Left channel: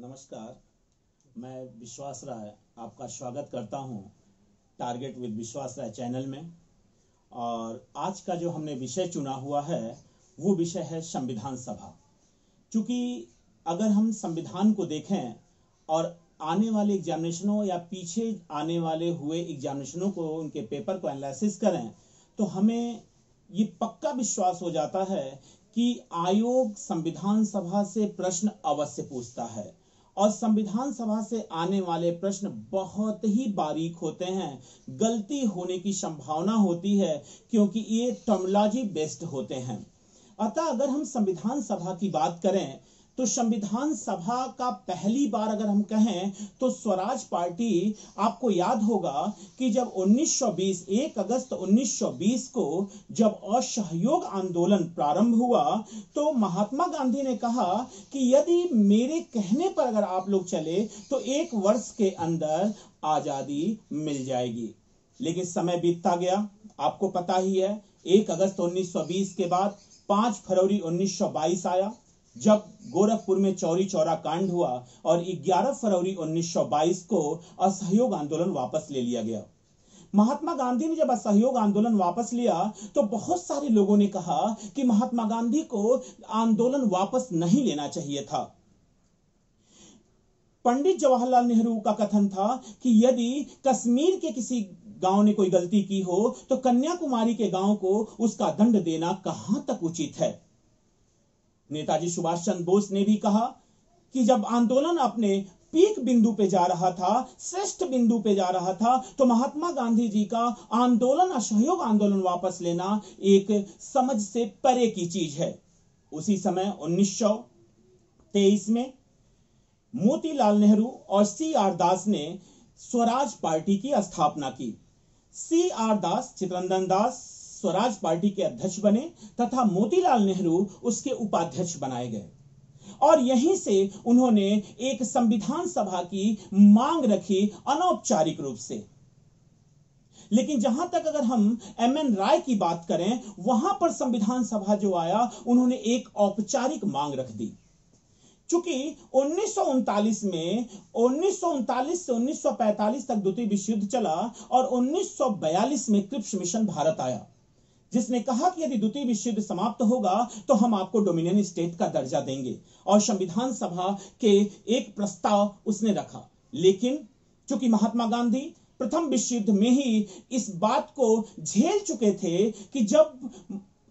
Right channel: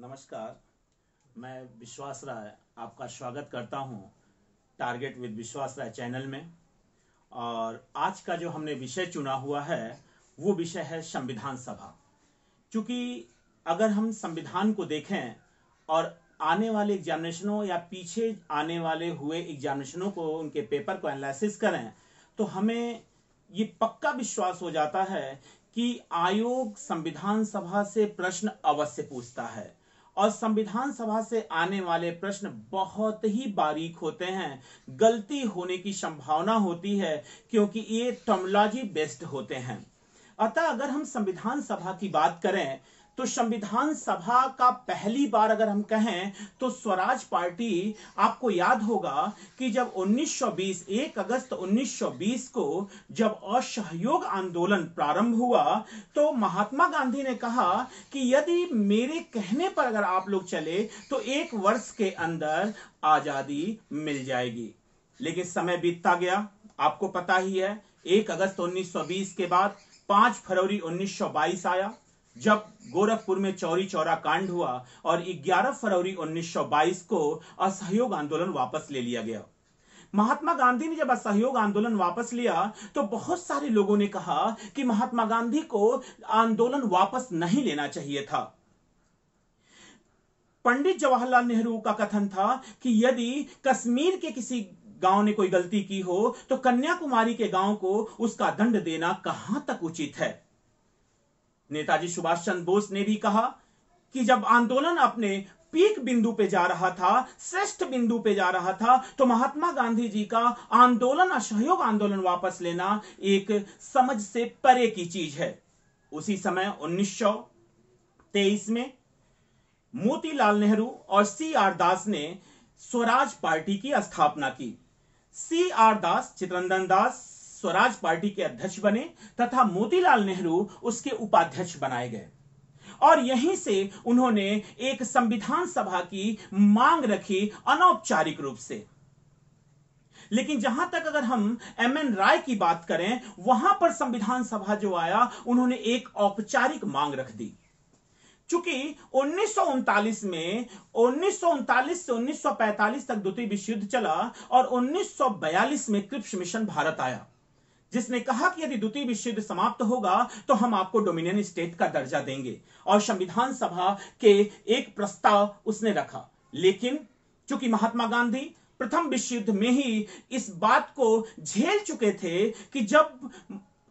नमस्कार, मैं विश्वास राय आपका स्वागत करता हूं टारगेट विद विश्वास राय चैनल में। और आज का जो हमने विषय चुना हुआ है वो विषय है संविधान सभा। क्योंकि अगर हम संविधान को देखें और आने वाले एग्जामिनेशनों या पीछे आने वाले हुए एग्जामिनेशनों को, उनके पेपर को एनालिसिस करें तो हमें ये पक्का विश्वास हो जाता है कि आयोग संविधान सभा से प्रश्न अवश्य पूछता है और संविधान सभा से आने वाले प्रश्न बहुत ही बारीक होते हैं। गलती होने की संभावना होती है क्योंकि ये टर्मिनोलॉजी बेस्ड होते हैं। अतः अगर हम संविधान सभा की बात करें तो संविधान सभा का पहली बार अगर हम कहें तो स्वराज पार्टी, आपको याद होगा कि जब 1 अगस्त 1920 को जब असहयोग आंदोलन प्रारंभ हुआ तो महात्मा गांधी ने कहा कि यदि मेरे कहने पर अगर आप लोग चले तो 1 वर्ष के अंदर आजादी मिल जाएगी। लेकिन समय बीतता गया, आपको पता ही है। 1 अगस्त 1920 के बाद 5 फरवरी 1922 आया जब गोरखपुर में चौरी चौरा कांड हुआ और 11 फरवरी 1922 को असहयोग आंदोलन वापस ले लिया गया। महात्मा गांधी ने जब असहयोग आंदोलन वापस लिया तो बहुत सारे लोगों ने कहा कि महात्मा गांधी को आंदोलन वापस नहीं लेना चाहिए था। पंडित जवाहरलाल नेहरू का कथन था कि यदि कश्मीर के किसी गांव ने कोई गलती की हो तो कन्याकुमारी के गांव को उसका दंड देना कहां तक उचित है। नेताजी सुभाष चंद्र बोस ने भी कहा कि जब आंदोलन अपने पीक बिंदु पे जा रहा था, श्रेष्ठ बिंदु पे जा रहा था, तो महात्मा गांधी जी का आंदोलन, असहयोग आंदोलन वापस लेना एक समझ से परे की चीज है। उसी समय 1923 में मोतीलाल नेहरू और C.R. दास ने स्वराज पार्टी की स्थापना की। C.R. दास, चित्तरंजन दास स्वराज पार्टी के अध्यक्ष बने तथा मोतीलाल नेहरू उसके उपाध्यक्ष बनाए गए और यहीं से उन्होंने एक संविधान सभा की मांग रखी अनौपचारिक रूप से। लेकिन जहां तक अगर हम M.N. राय की बात करें, वहां पर संविधान सभा जो आया उन्होंने एक औपचारिक मांग रख दी। चूंकि 1939 से 1945 तक द्वितीय विश्व युद्ध चला और 1942 में क्रिप्स मिशन भारत आया, जिसने कहा कि यदि द्वितीय विश्व युद्ध समाप्त होगा तो हम आपको डोमिनियन स्टेट का दर्जा देंगे और संविधान सभा के एक प्रस्ताव उसने रखा। लेकिन चूंकि महात्मा गांधी प्रथम विश्व युद्ध में ही इस बात को झेल चुके थे कि जब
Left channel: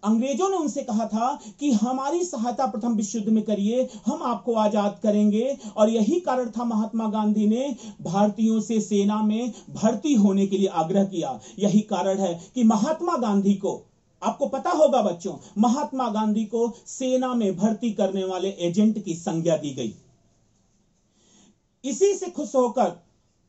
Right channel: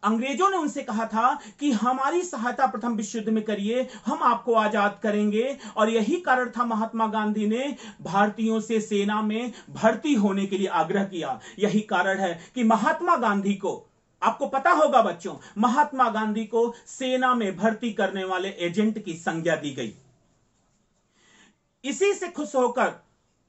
अंग्रेजों ने उनसे कहा था कि हमारी सहायता प्रथम विश्व युद्ध में करिए, हम आपको आजाद करेंगे, और यही कारण था महात्मा गांधी ने भारतीयों से सेना में भर्ती होने के लिए आग्रह किया। यही कारण है कि महात्मा गांधी को, आपको पता होगा बच्चों, महात्मा गांधी को सेना में भर्ती करने वाले एजेंट की संज्ञा दी गई। इसी से खुश होकर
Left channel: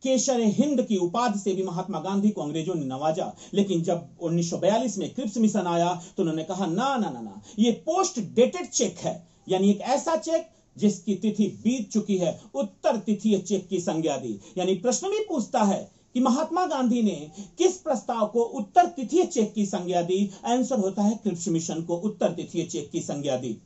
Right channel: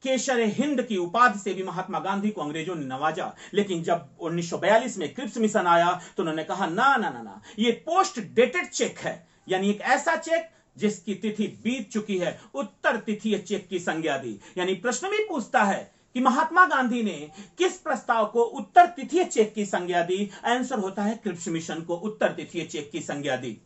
केसर हिंद की उपाधि से भी महात्मा गांधी को अंग्रेजों ने नवाजा। लेकिन जब 1942 में क्रिप्स मिशन आया तो उन्होंने कहा ना ना ना ना, ये पोस्ट डेटेड चेक है, यानी एक ऐसा चेक जिसकी तिथि बीत चुकी है, उत्तर तिथि चेक की संज्ञा दी। यानी प्रश्न भी पूछता है कि महात्मा गांधी ने किस प्रस्ताव को उत्तर तिथि चेक की संज्ञा दी। आंसर होता है क्रिप्स मिशन को उत्तर तिथि चेक की संज्ञा दी।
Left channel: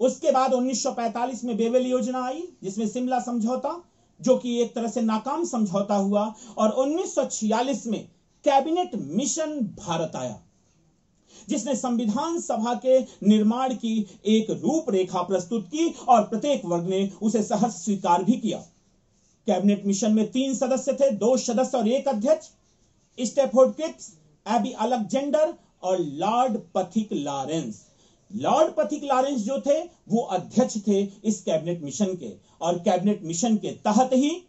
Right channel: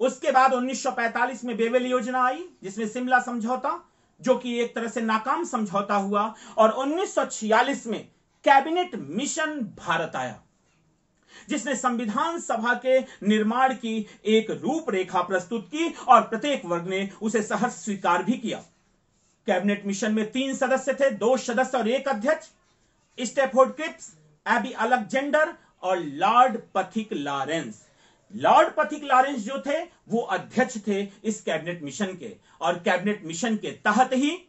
उसके बाद 1945 में बेवेल योजना आई, जिसमें शिमला समझौता, जो कि एक तरह से नाकाम समझौता हुआ, और 1946 में कैबिनेट मिशन भारत आया, जिसने संविधान सभा के निर्माण की एक रूपरेखा प्रस्तुत की और प्रत्येक वर्ग ने उसे सहर्ष स्वीकार भी किया। कैबिनेट मिशन में 3 सदस्य थे, 2 सदस्य और 1 अध्यक्ष, स्टैफोर्ड क्रिप्स, एबी अलेक्जेंडर और लॉर्ड पथिक लॉरेंस। लॉर्ड पथिक लॉरेंस जो थे वो अध्यक्ष थे इस कैबिनेट मिशन के, और कैबिनेट मिशन के तहत ही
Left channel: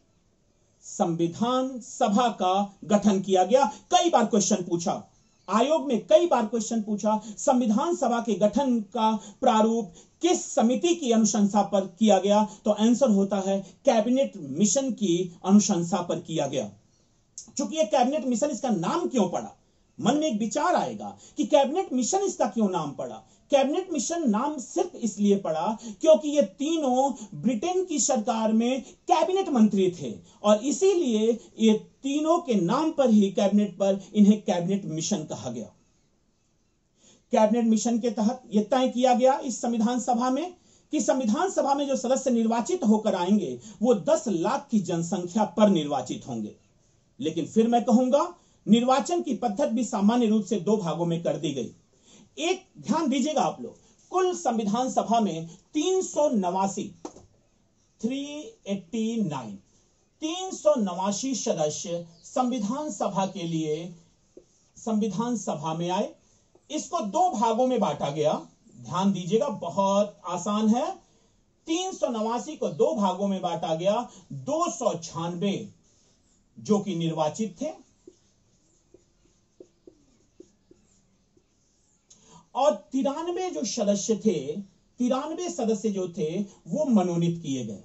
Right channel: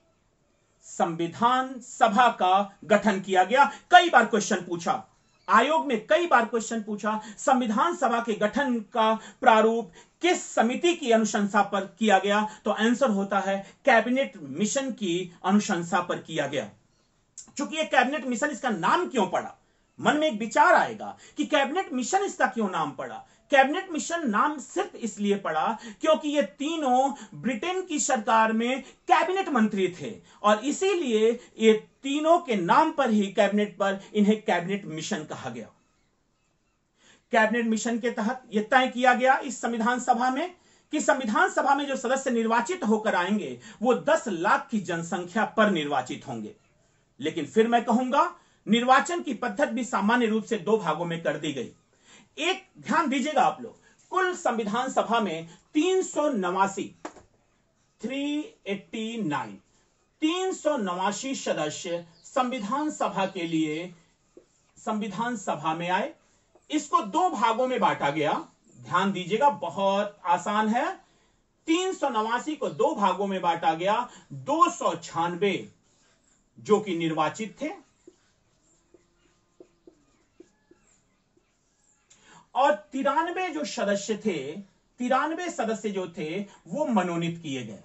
संविधान सभा का गठन किया गया। कई बार क्वेश्चन पूछा, आयोग में कई बार क्वेश्चन पूछा, संविधान सभा के गठन का प्रारूप किस समिति की अनुशंसा पर किया गया, तो आंसर होता है कैबिनेट मिशन की अनुशंसा पर किया गया। चूंकि ये कैबिनेट मिशन, इसका नाम क्यों पड़ा, मन में एक विचार आएगा कि कैबिनेट मिशन इसका क्यों नाम पड़ा। कैबिनेट मिशन नाम सिर्फ इसलिए पड़ा क्योंकि ये तीनों ब्रिटेन की सरकार में कैबिनेट मंत्री थे और इसीलिए ये तीनों के नाम पर ही कैबिनेट पर इन्हें कैबिनेट मिशन कहा गया। कैबिनेट मिशन के तहत यह तय किया गया इस संविधान सभा में कि संविधान सभा में जो सदस्य निर्वाचित होकर आएंगे वो 10 लाख की जनसंख्या पर निर्वाचित होंगे। लेकिन फिर मैं कहूंगा निर्वाचन की पद्धति भी सामान्य रूप से 2 भागों में कर दी गई। एक ध्यान दीजिएगा आप लोग, कुल संविधान सभा में 389 सदस्य संविधान सभा के लिए संविधान सभा में आए। इसको 2 भागों में बांटा गया। ध्यान दीजिएगा, बहुत आसान है। 389 को 2 भागों में बांटा गया। 296 जो कि निर्वाचित थे और 93 जो सदस्य थे, 93 सदस्य जो थे वो मनोनीत किए गए।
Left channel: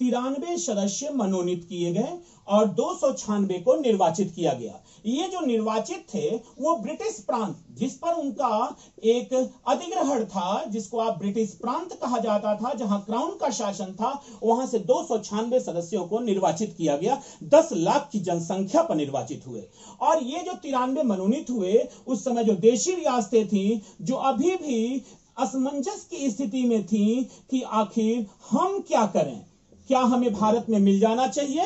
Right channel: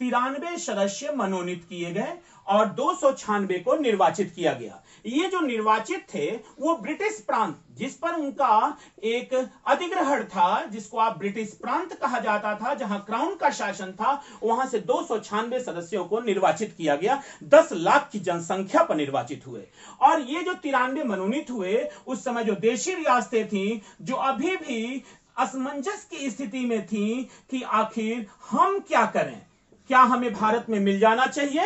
93 सदस्य मनोनीत किए गए और 296 को निर्वाचित किया गया। ये जो निर्वाचित थे वो ब्रिटिश प्रांत, जिस पर उनका एक अधिग्रहण था, जिसको आप ब्रिटिश प्रांत कहा जाता था, जहां क्राउन का शासन था, वहां से 296 सदस्यों को निर्वाचित किया गया। 10 लाख की जनसंख्या पर निर्वाचित हुए। और ये जो 93 मनोनीत हुए, उस समय जो देशी रियासतें थी, जो अभी भी असमंजस की स्थिति में थी कि आखिर हम क्या करें, क्या हमें भारत में मिल जाना चाहिए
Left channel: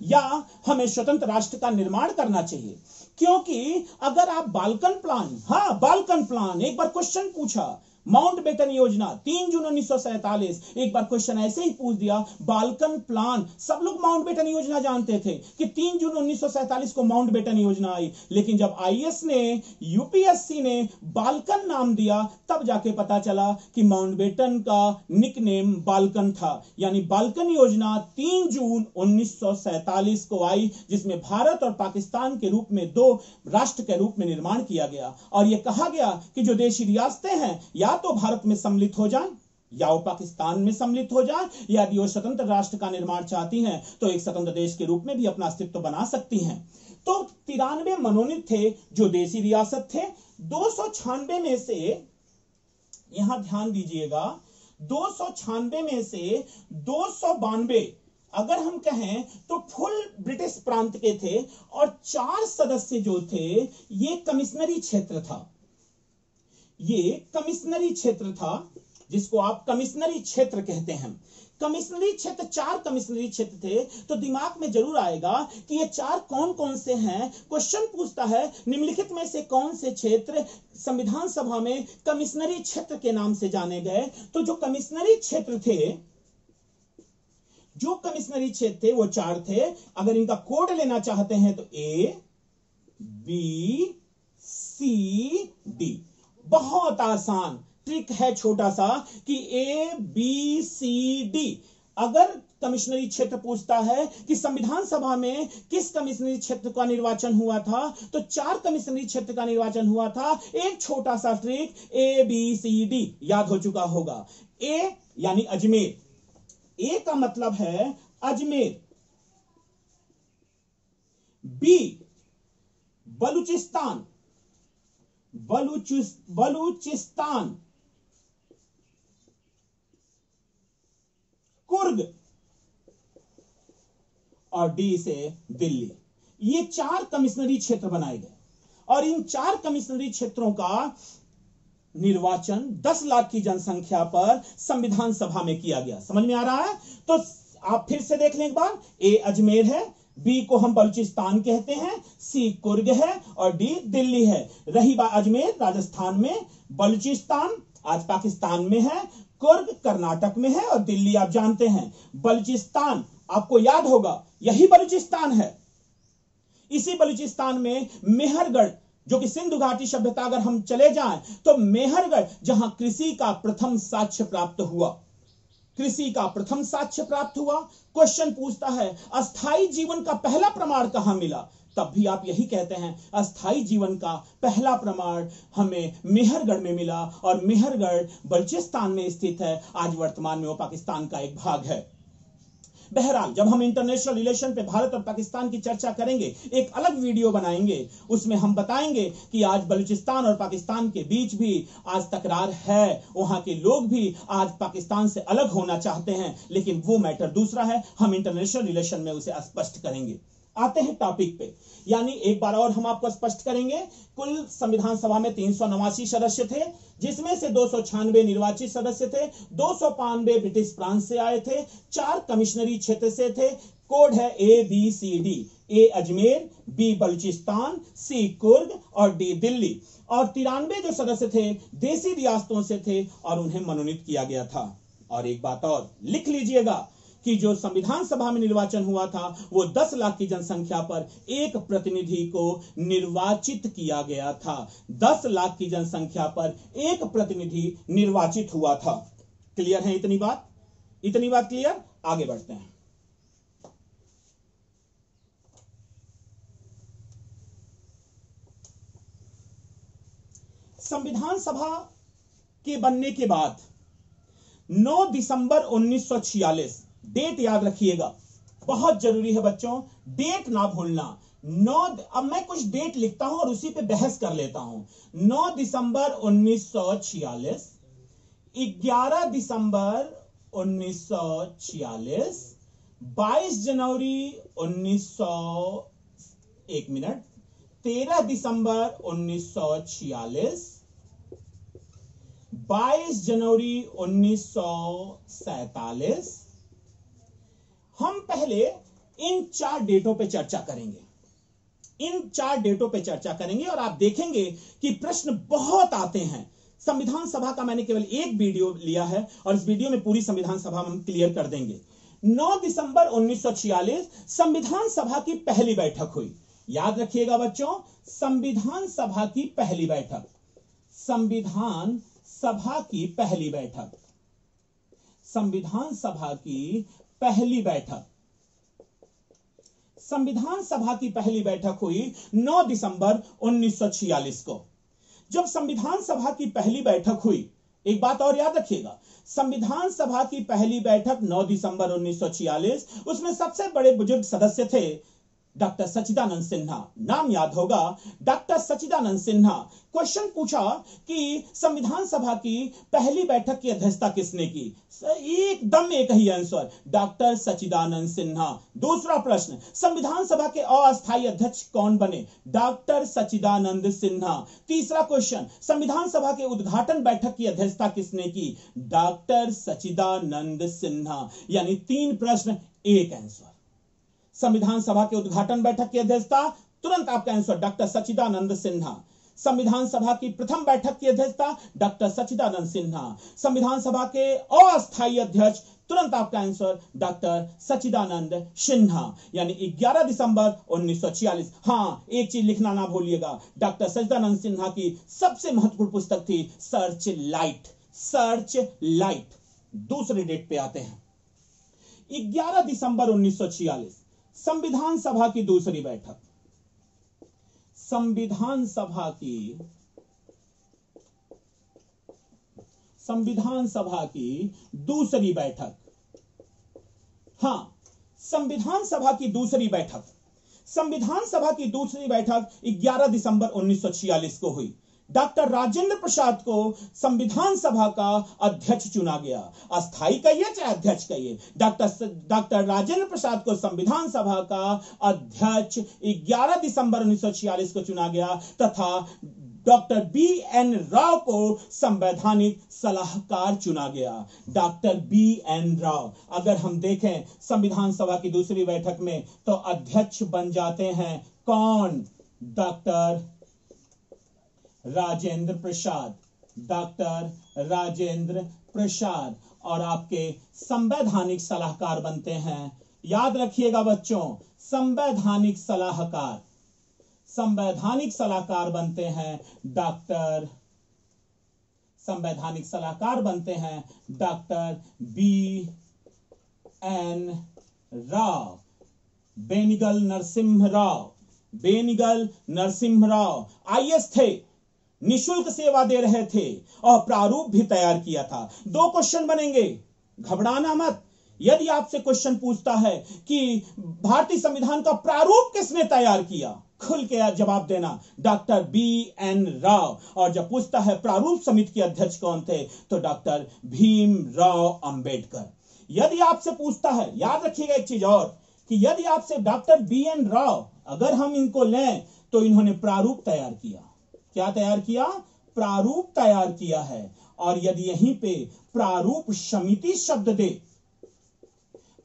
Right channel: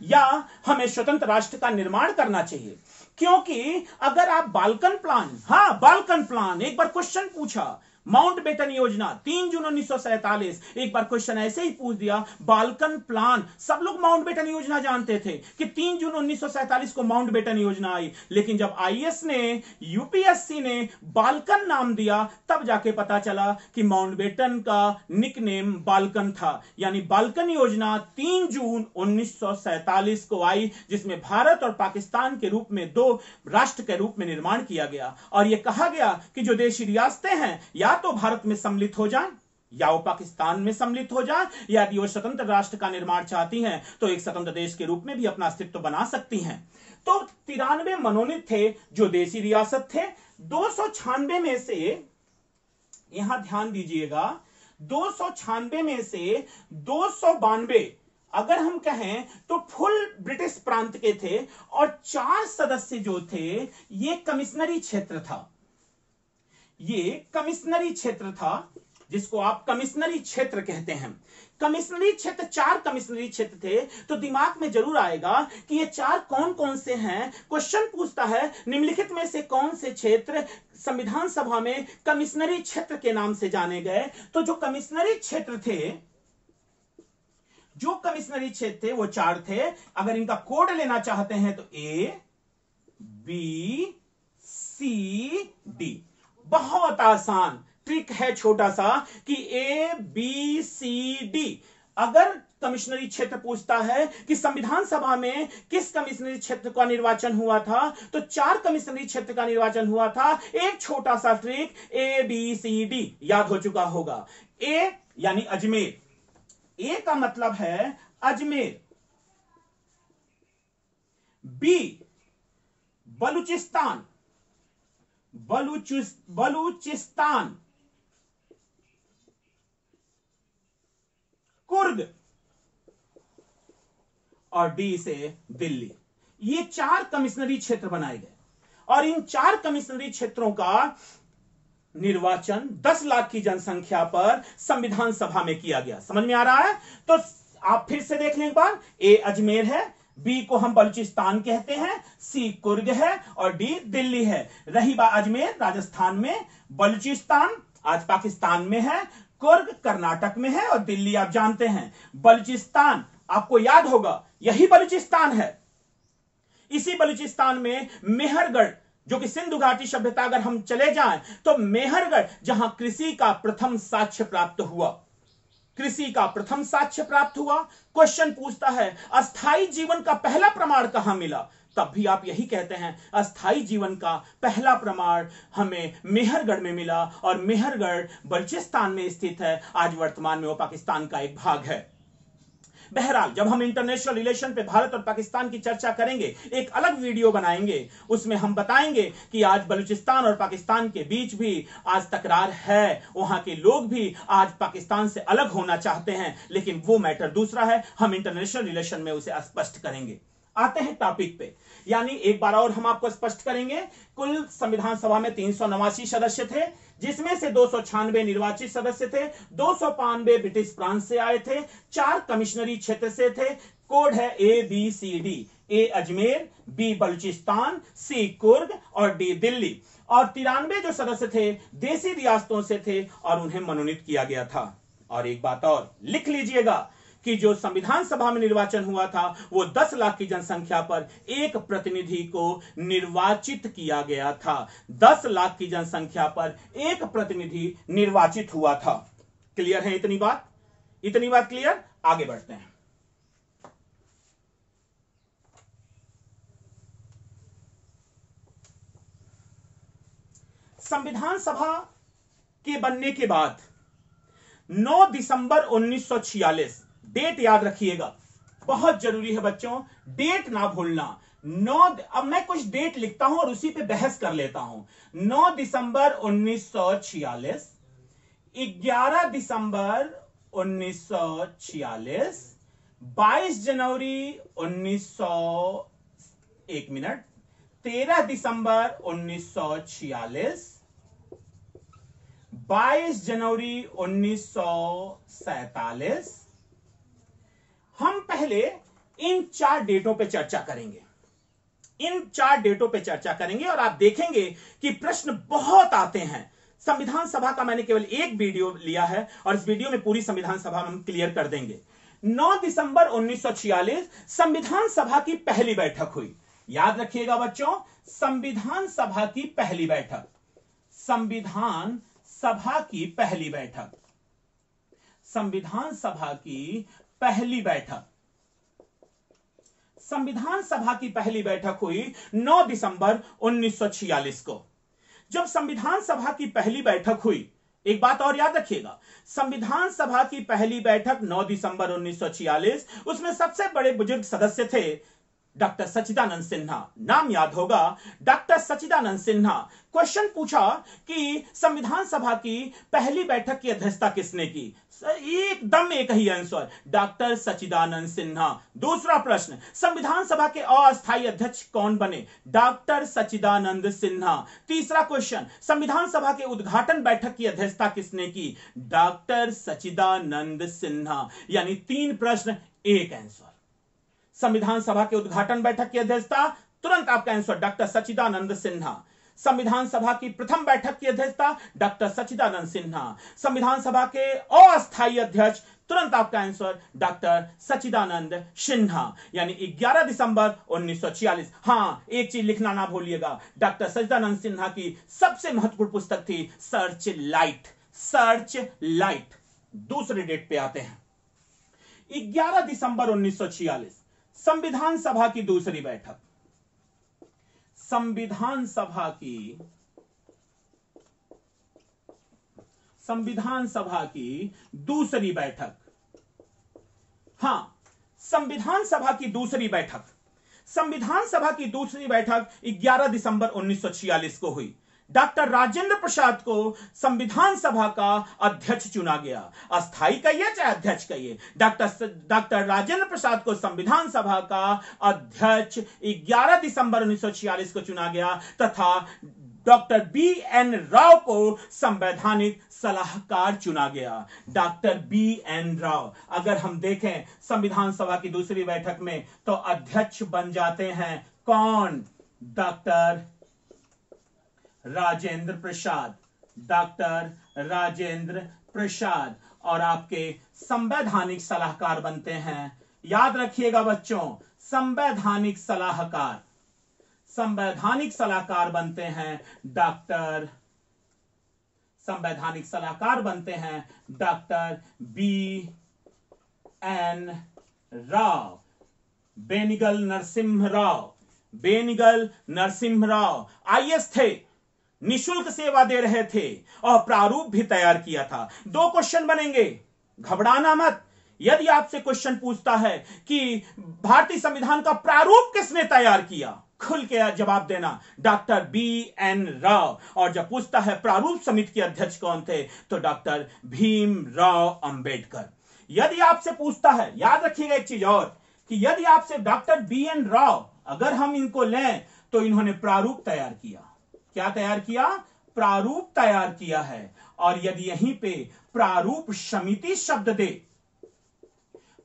या हमें स्वतंत्र राष्ट्र का निर्माण करना चाहिए। क्योंकि अगर आप बाल्कन प्लान, एक बार क्वेश्चन पूछा, माउंटबेटन योजना 3 जून 1947, एक बार क्वेश्चन ऐसे ही पूछ दिया, बाल्कन प्लान। सब लोग माउंटबेटन योजना जानते थे कि 3 जून 1947 को माउंटबेटन योजना आई, लेकिन जब आईएएस ने, यूपीएससी ने बाल्कन नाम दिया, तब जाके पता चला कि माउंटबेटन का निकनेम बाल्कन था। यानी बाल्कन योजना 3 जून 1947 को आई, जिसमें भारत और पाकिस्तान के रूप में 2 राष्ट्र के रूप में निर्माण किया गया। और यह कहा गया कि जो देशी रियासतें हैं या तो भारत में सम्मिलित हो जाएं या वो पाकिस्तान में सम्मिलित हो जाएं, या यदि वो स्वतंत्र राष्ट्र का निर्माण चाहती हैं तो एक स्वतंत्र देश के रूप में भी अपना अस्तित्व बना सकती हैं। तो 93 मनोनीत थे जो देशी रियासत थे। 296 में से, यहां ध्यान दीजिएगा, 296 में से 292 अगर हम कहें तो फुल ब्रिटिश प्रांत के थे और 4 सदस्य जो थे ये कमिश्नरी क्षेत्र था। ये कमिश्नरी क्षेत्र था, जिसको आप कमिश्नरी क्षेत्र कहते हैं। कमिश्नरी क्षेत्र, 4 कमिश्नरी क्षेत्र थे। तो दिमाग में जरूर आएगा कि ये 4 कौन कौन से हैं। क्वेश्चन पूछता है निम्नलिखित में से कौन से क्षेत्र संविधान सभा में कमिश्नरी क्षेत्र के नाम से जाने गए। तो जो कमिश्नरी क्षेत्र थे वो 4 थे। अगर इनका कोड लेना चाहते हैं तो A, B, C, D। बहुत आसान ट्रिक है, छोटा सा, कि ABCD। अगर कमिश्नरी क्षेत्र पूछता है कि संविधान सभा में किस कमिश्नरी क्षेत्र का निर्वाचन हुआ था, तो 4 कमिश्नरी क्षेत्र का निर्वाचन हुआ था। एक छोटा सा ट्रिक, ABCD याद हो चुका होगा। A यानी अजमेर, A का मतलब है अजमेर। B बलूचिस्तान, बलूचिस्तान। कुर्ग और डी से दिल्ली। ये 4 कमिश्नरी क्षेत्र बनाए गए और इन 4 कमिश्नरी क्षेत्रों का निर्वाचन 10 लाख की जनसंख्या पर संविधान सभा में किया गया। समझ में आ रहा है? तो आप फिर से देख लें एक बार। ए अजमेर है, बी को हम बलूचिस्तान कहते हैं, सी कुर्ग है और डी दिल्ली है। रही बात अजमेर राजस्थान में, बलूचिस्तान आज पाकिस्तान में है, कुर्ग कर्नाटक में है और दिल्ली आप जानते हैं। बलूचिस्तान आपको याद होगा, यही बलूचिस्तान है। इसी बलूचिस्तान में मेहरगढ़, जो कि सिंधु घाटी सभ्यता, अगर हम चले जाएं तो मेहरगढ़, जहां कृषि का प्रथम साक्ष्य प्राप्त हुआ, कृषि का प्रथम साक्ष्य प्राप्त हुआ। क्वेश्चन पूछता है अस्थाई जीवन का पहला प्रमाण कहां मिला, तब भी आप यही कहते हैं अस्थाई जीवन का पहला प्रमाण हमें मेहरगढ़ में मिला और मेहरगढ़ बलूचिस्तान में स्थित है। आज वर्तमान में वो पाकिस्तान का एक भाग है। बहरहाल, जब हम इंटरनेशनल रिलेशन पे भारत और पाकिस्तान की चर्चा करेंगे, एक अलग वीडियो बनाएंगे, उसमें हम बताएंगे कि आज बलूचिस्तान और पाकिस्तान के बीच भी आज तकरार है। वहां के लोग भी आज पाकिस्तान से अलग होना चाहते हैं, लेकिन वो मैटर दूसरा है। हम इंटरनेशनल रिलेशन में उसे स्पष्ट करेंगे। आते हैं टॉपिक पे, यानी एक बार और हम आपको स्पष्ट करेंगे। कुल संविधान सभा में 389 सदस्य थे, जिसमें से 296 निर्वाचित सदस्य थे, 295 ब्रिटिश प्रांत से आए थे, 4 कमिश्नरी क्षेत्र से थे। कोड है ABCD, A Ajmer, B Balochistan, C Coorg और D दिल्ली। और 93 जो सदस्य थे देसी रियासतों से थे और उन्हें मनोनीत किया गया था। और एक बात और लिख लीजिएगा कि जो संविधान सभा में निर्वाचन हुआ था वो 10 लाख की जनसंख्या पर एक प्रतिनिधि को निर्वाचित किया गया था। 10 लाख की जनसंख्या पर एक प्रतिनिधि निर्वाचित हुआ था। क्लियर है इतनी बात? इतनी बात क्लियर? आगे बढ़ते हैं। संविधान सभा के बनने के बाद 9 दिसंबर 1946, डेट याद रखिएगा, बहुत जरूरी है बच्चों, डेट ना भूलना। अब मैं कुछ डेट लिखता हूं और उसी पे बहस कर लेता हूं। 9 दिसंबर 1946, 11 दिसंबर 1946, 22 जनवरी 13 दिसंबर 1946, 22 जनवरी 1947। हम पहले इन 4 डेटों पे चर्चा करेंगे, इन 4 डेटों पे चर्चा करेंगे और आप देखेंगे कि प्रश्न बहुत आते हैं। संविधान सभा का मैंने केवल एक वीडियो लिया है और इस वीडियो में पूरी संविधान सभा हम क्लियर कर देंगे। 9 दिसंबर 1946 संविधान सभा की पहली बैठक हुई। याद रखिएगा बच्चों, संविधान सभा की पहली बैठक, संविधान सभा की पहली बैठक, संविधान सभा की पहली बैठक, संविधान सभा की पहली बैठक हुई 9 दिसंबर 1946 को। जब संविधान सभा की पहली बैठक हुई, एक बात और याद रखिएगा, संविधान सभा की पहली बैठक 9 दिसंबर 1946, उसमें सबसे बड़े बुजुर्ग सदस्य थे डॉक्टर सच्चिदानंद सिन्हा। नाम याद होगा, डॉक्टर सच्चिदानंद सिन्हा। क्वेश्चन पूछा कि संविधान सभा की पहली बैठक की अध्यक्षता किसने की? एकदम एक ही आंसर, डॉक्टर सच्चिदानंद सिन्हा। दूसरा प्रश्न, संविधान सभा के अस्थायी अध्यक्ष कौन बने? डॉक्टर सच्चिदानंद सिन्हा। तीसरा क्वेश्चन, संविधान सभा के उद्घाटन बैठक की अध्यक्षता किसने की? डॉक्टर सच्चिदानंद सिन्हा। यानी 3 प्रश्न, एक आंसर। संविधान सभा के उद्घाटन बैठक की अध्यक्षता, तुरंत आपका आंसर डॉक्टर सच्चिदानंद सिन्हा। संविधान सभा की प्रथम बैठक की अध्यक्षता डॉक्टर सच्चिदानंद सिन्हा। संविधान सभा के अस्थायी अध्यक्ष, तुरंत आपका आंसर डॉक्टर सच्चिदानंद सिन्हा। यानी 11 दिसंबर 1946। हां, एक चीज लिखना ना भूलिएगा, डॉक्टर सच्चिदानंद सिन्हा की सबसे महत्वपूर्ण पुस्तक थी सर्च लाइट, सर्च लाइट। दूसरे डेट पे आते हैं, 11 दिसंबर 1946, संविधान सभा की दूसरी बैठक, संविधान सभा की दूसरी बैठक। हां, संविधान सभा की दूसरी बैठक, संविधान सभा की दूसरी बैठक 11 दिसंबर 1946 को हुई। डॉक्टर राजेंद्र प्रसाद को संविधान सभा का अध्यक्ष चुना गया। अस्थायी कहिए चाहे अध्यक्ष कहिए, डॉक्टर राजेंद्र प्रसाद को संविधान सभा का अध्यक्ष 11 दिसंबर 1946 को चुना गया तथा डॉक्टर BN राव को संवैधानिक सलाहकार चुना गया। Doctor BN Rao. अगर हम देखें संविधान सभा की दूसरी बैठक में तो अध्यक्ष बन जाते हैं कौन? Doctor Rajendra Prasad, doctor Rajendra Prasad. और आपके संवैधानिक सलाहकार बनते हैं, याद रखिएगा बच्चों, संवैधानिक सलाहकार, संवैधानिक सलाहकार बनते हैं संवैधानिक सलाहकार बनते हैं doctor BN Rao, Benegal Narasimha Rao. Benegal Narasimha Rao IAS थे, निशुल्क सेवा दे रहे थे और प्रारूप भी तैयार किया था। 2 क्वेश्चन बनेंगे, घबराना मत। यदि आपसे क्वेश्चन पूछता है कि भारतीय संविधान का प्रारूप किसने तैयार किया, खुल के जवाब देना, डॉक्टर BN राव। और जब पूछता है प्रारूप समिति के अध्यक्ष कौन थे, तो डॉक्टर भीमराव अंबेडकर। यदि आपसे पूछता है, याद रखिएगा एक चीज और, कि यदि आपसे डॉक्टर BN राव अगर हम इनको लें तो इन्होंने प्रारूप तैयार किया। क्या तैयार किया? प्रारूप तैयार किया है। और यदि यहीं पे प्रारूप समिति शब्द दे,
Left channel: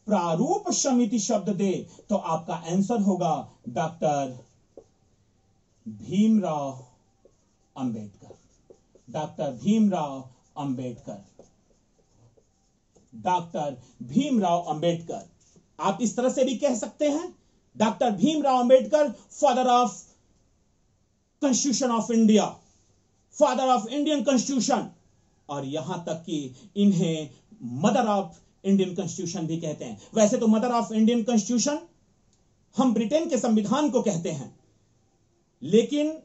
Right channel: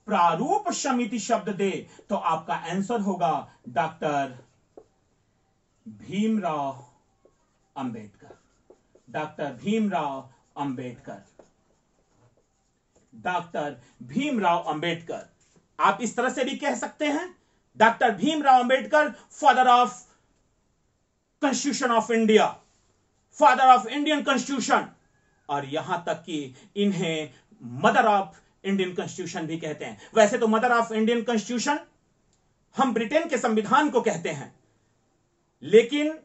प्रारूप समिति शब्द दे, तो आपका आंसर होगा doctor Bhimrao Ambedkar. Doctor Bhimrao Ambedkar, doctor Bhimrao Ambedkar. आप इस तरह से भी कह सकते हैं, doctor Bhimrao Ambedkar, father of constitution of India, father of Indian constitution, और यहां तक कि इन्हें मदर ऑफ इंडियन कॉन्स्टिट्यूशन भी कहते हैं। वैसे तो मदर ऑफ इंडियन कॉन्स्टिट्यूशन हम ब्रिटेन के संविधान को कहते हैं, लेकिन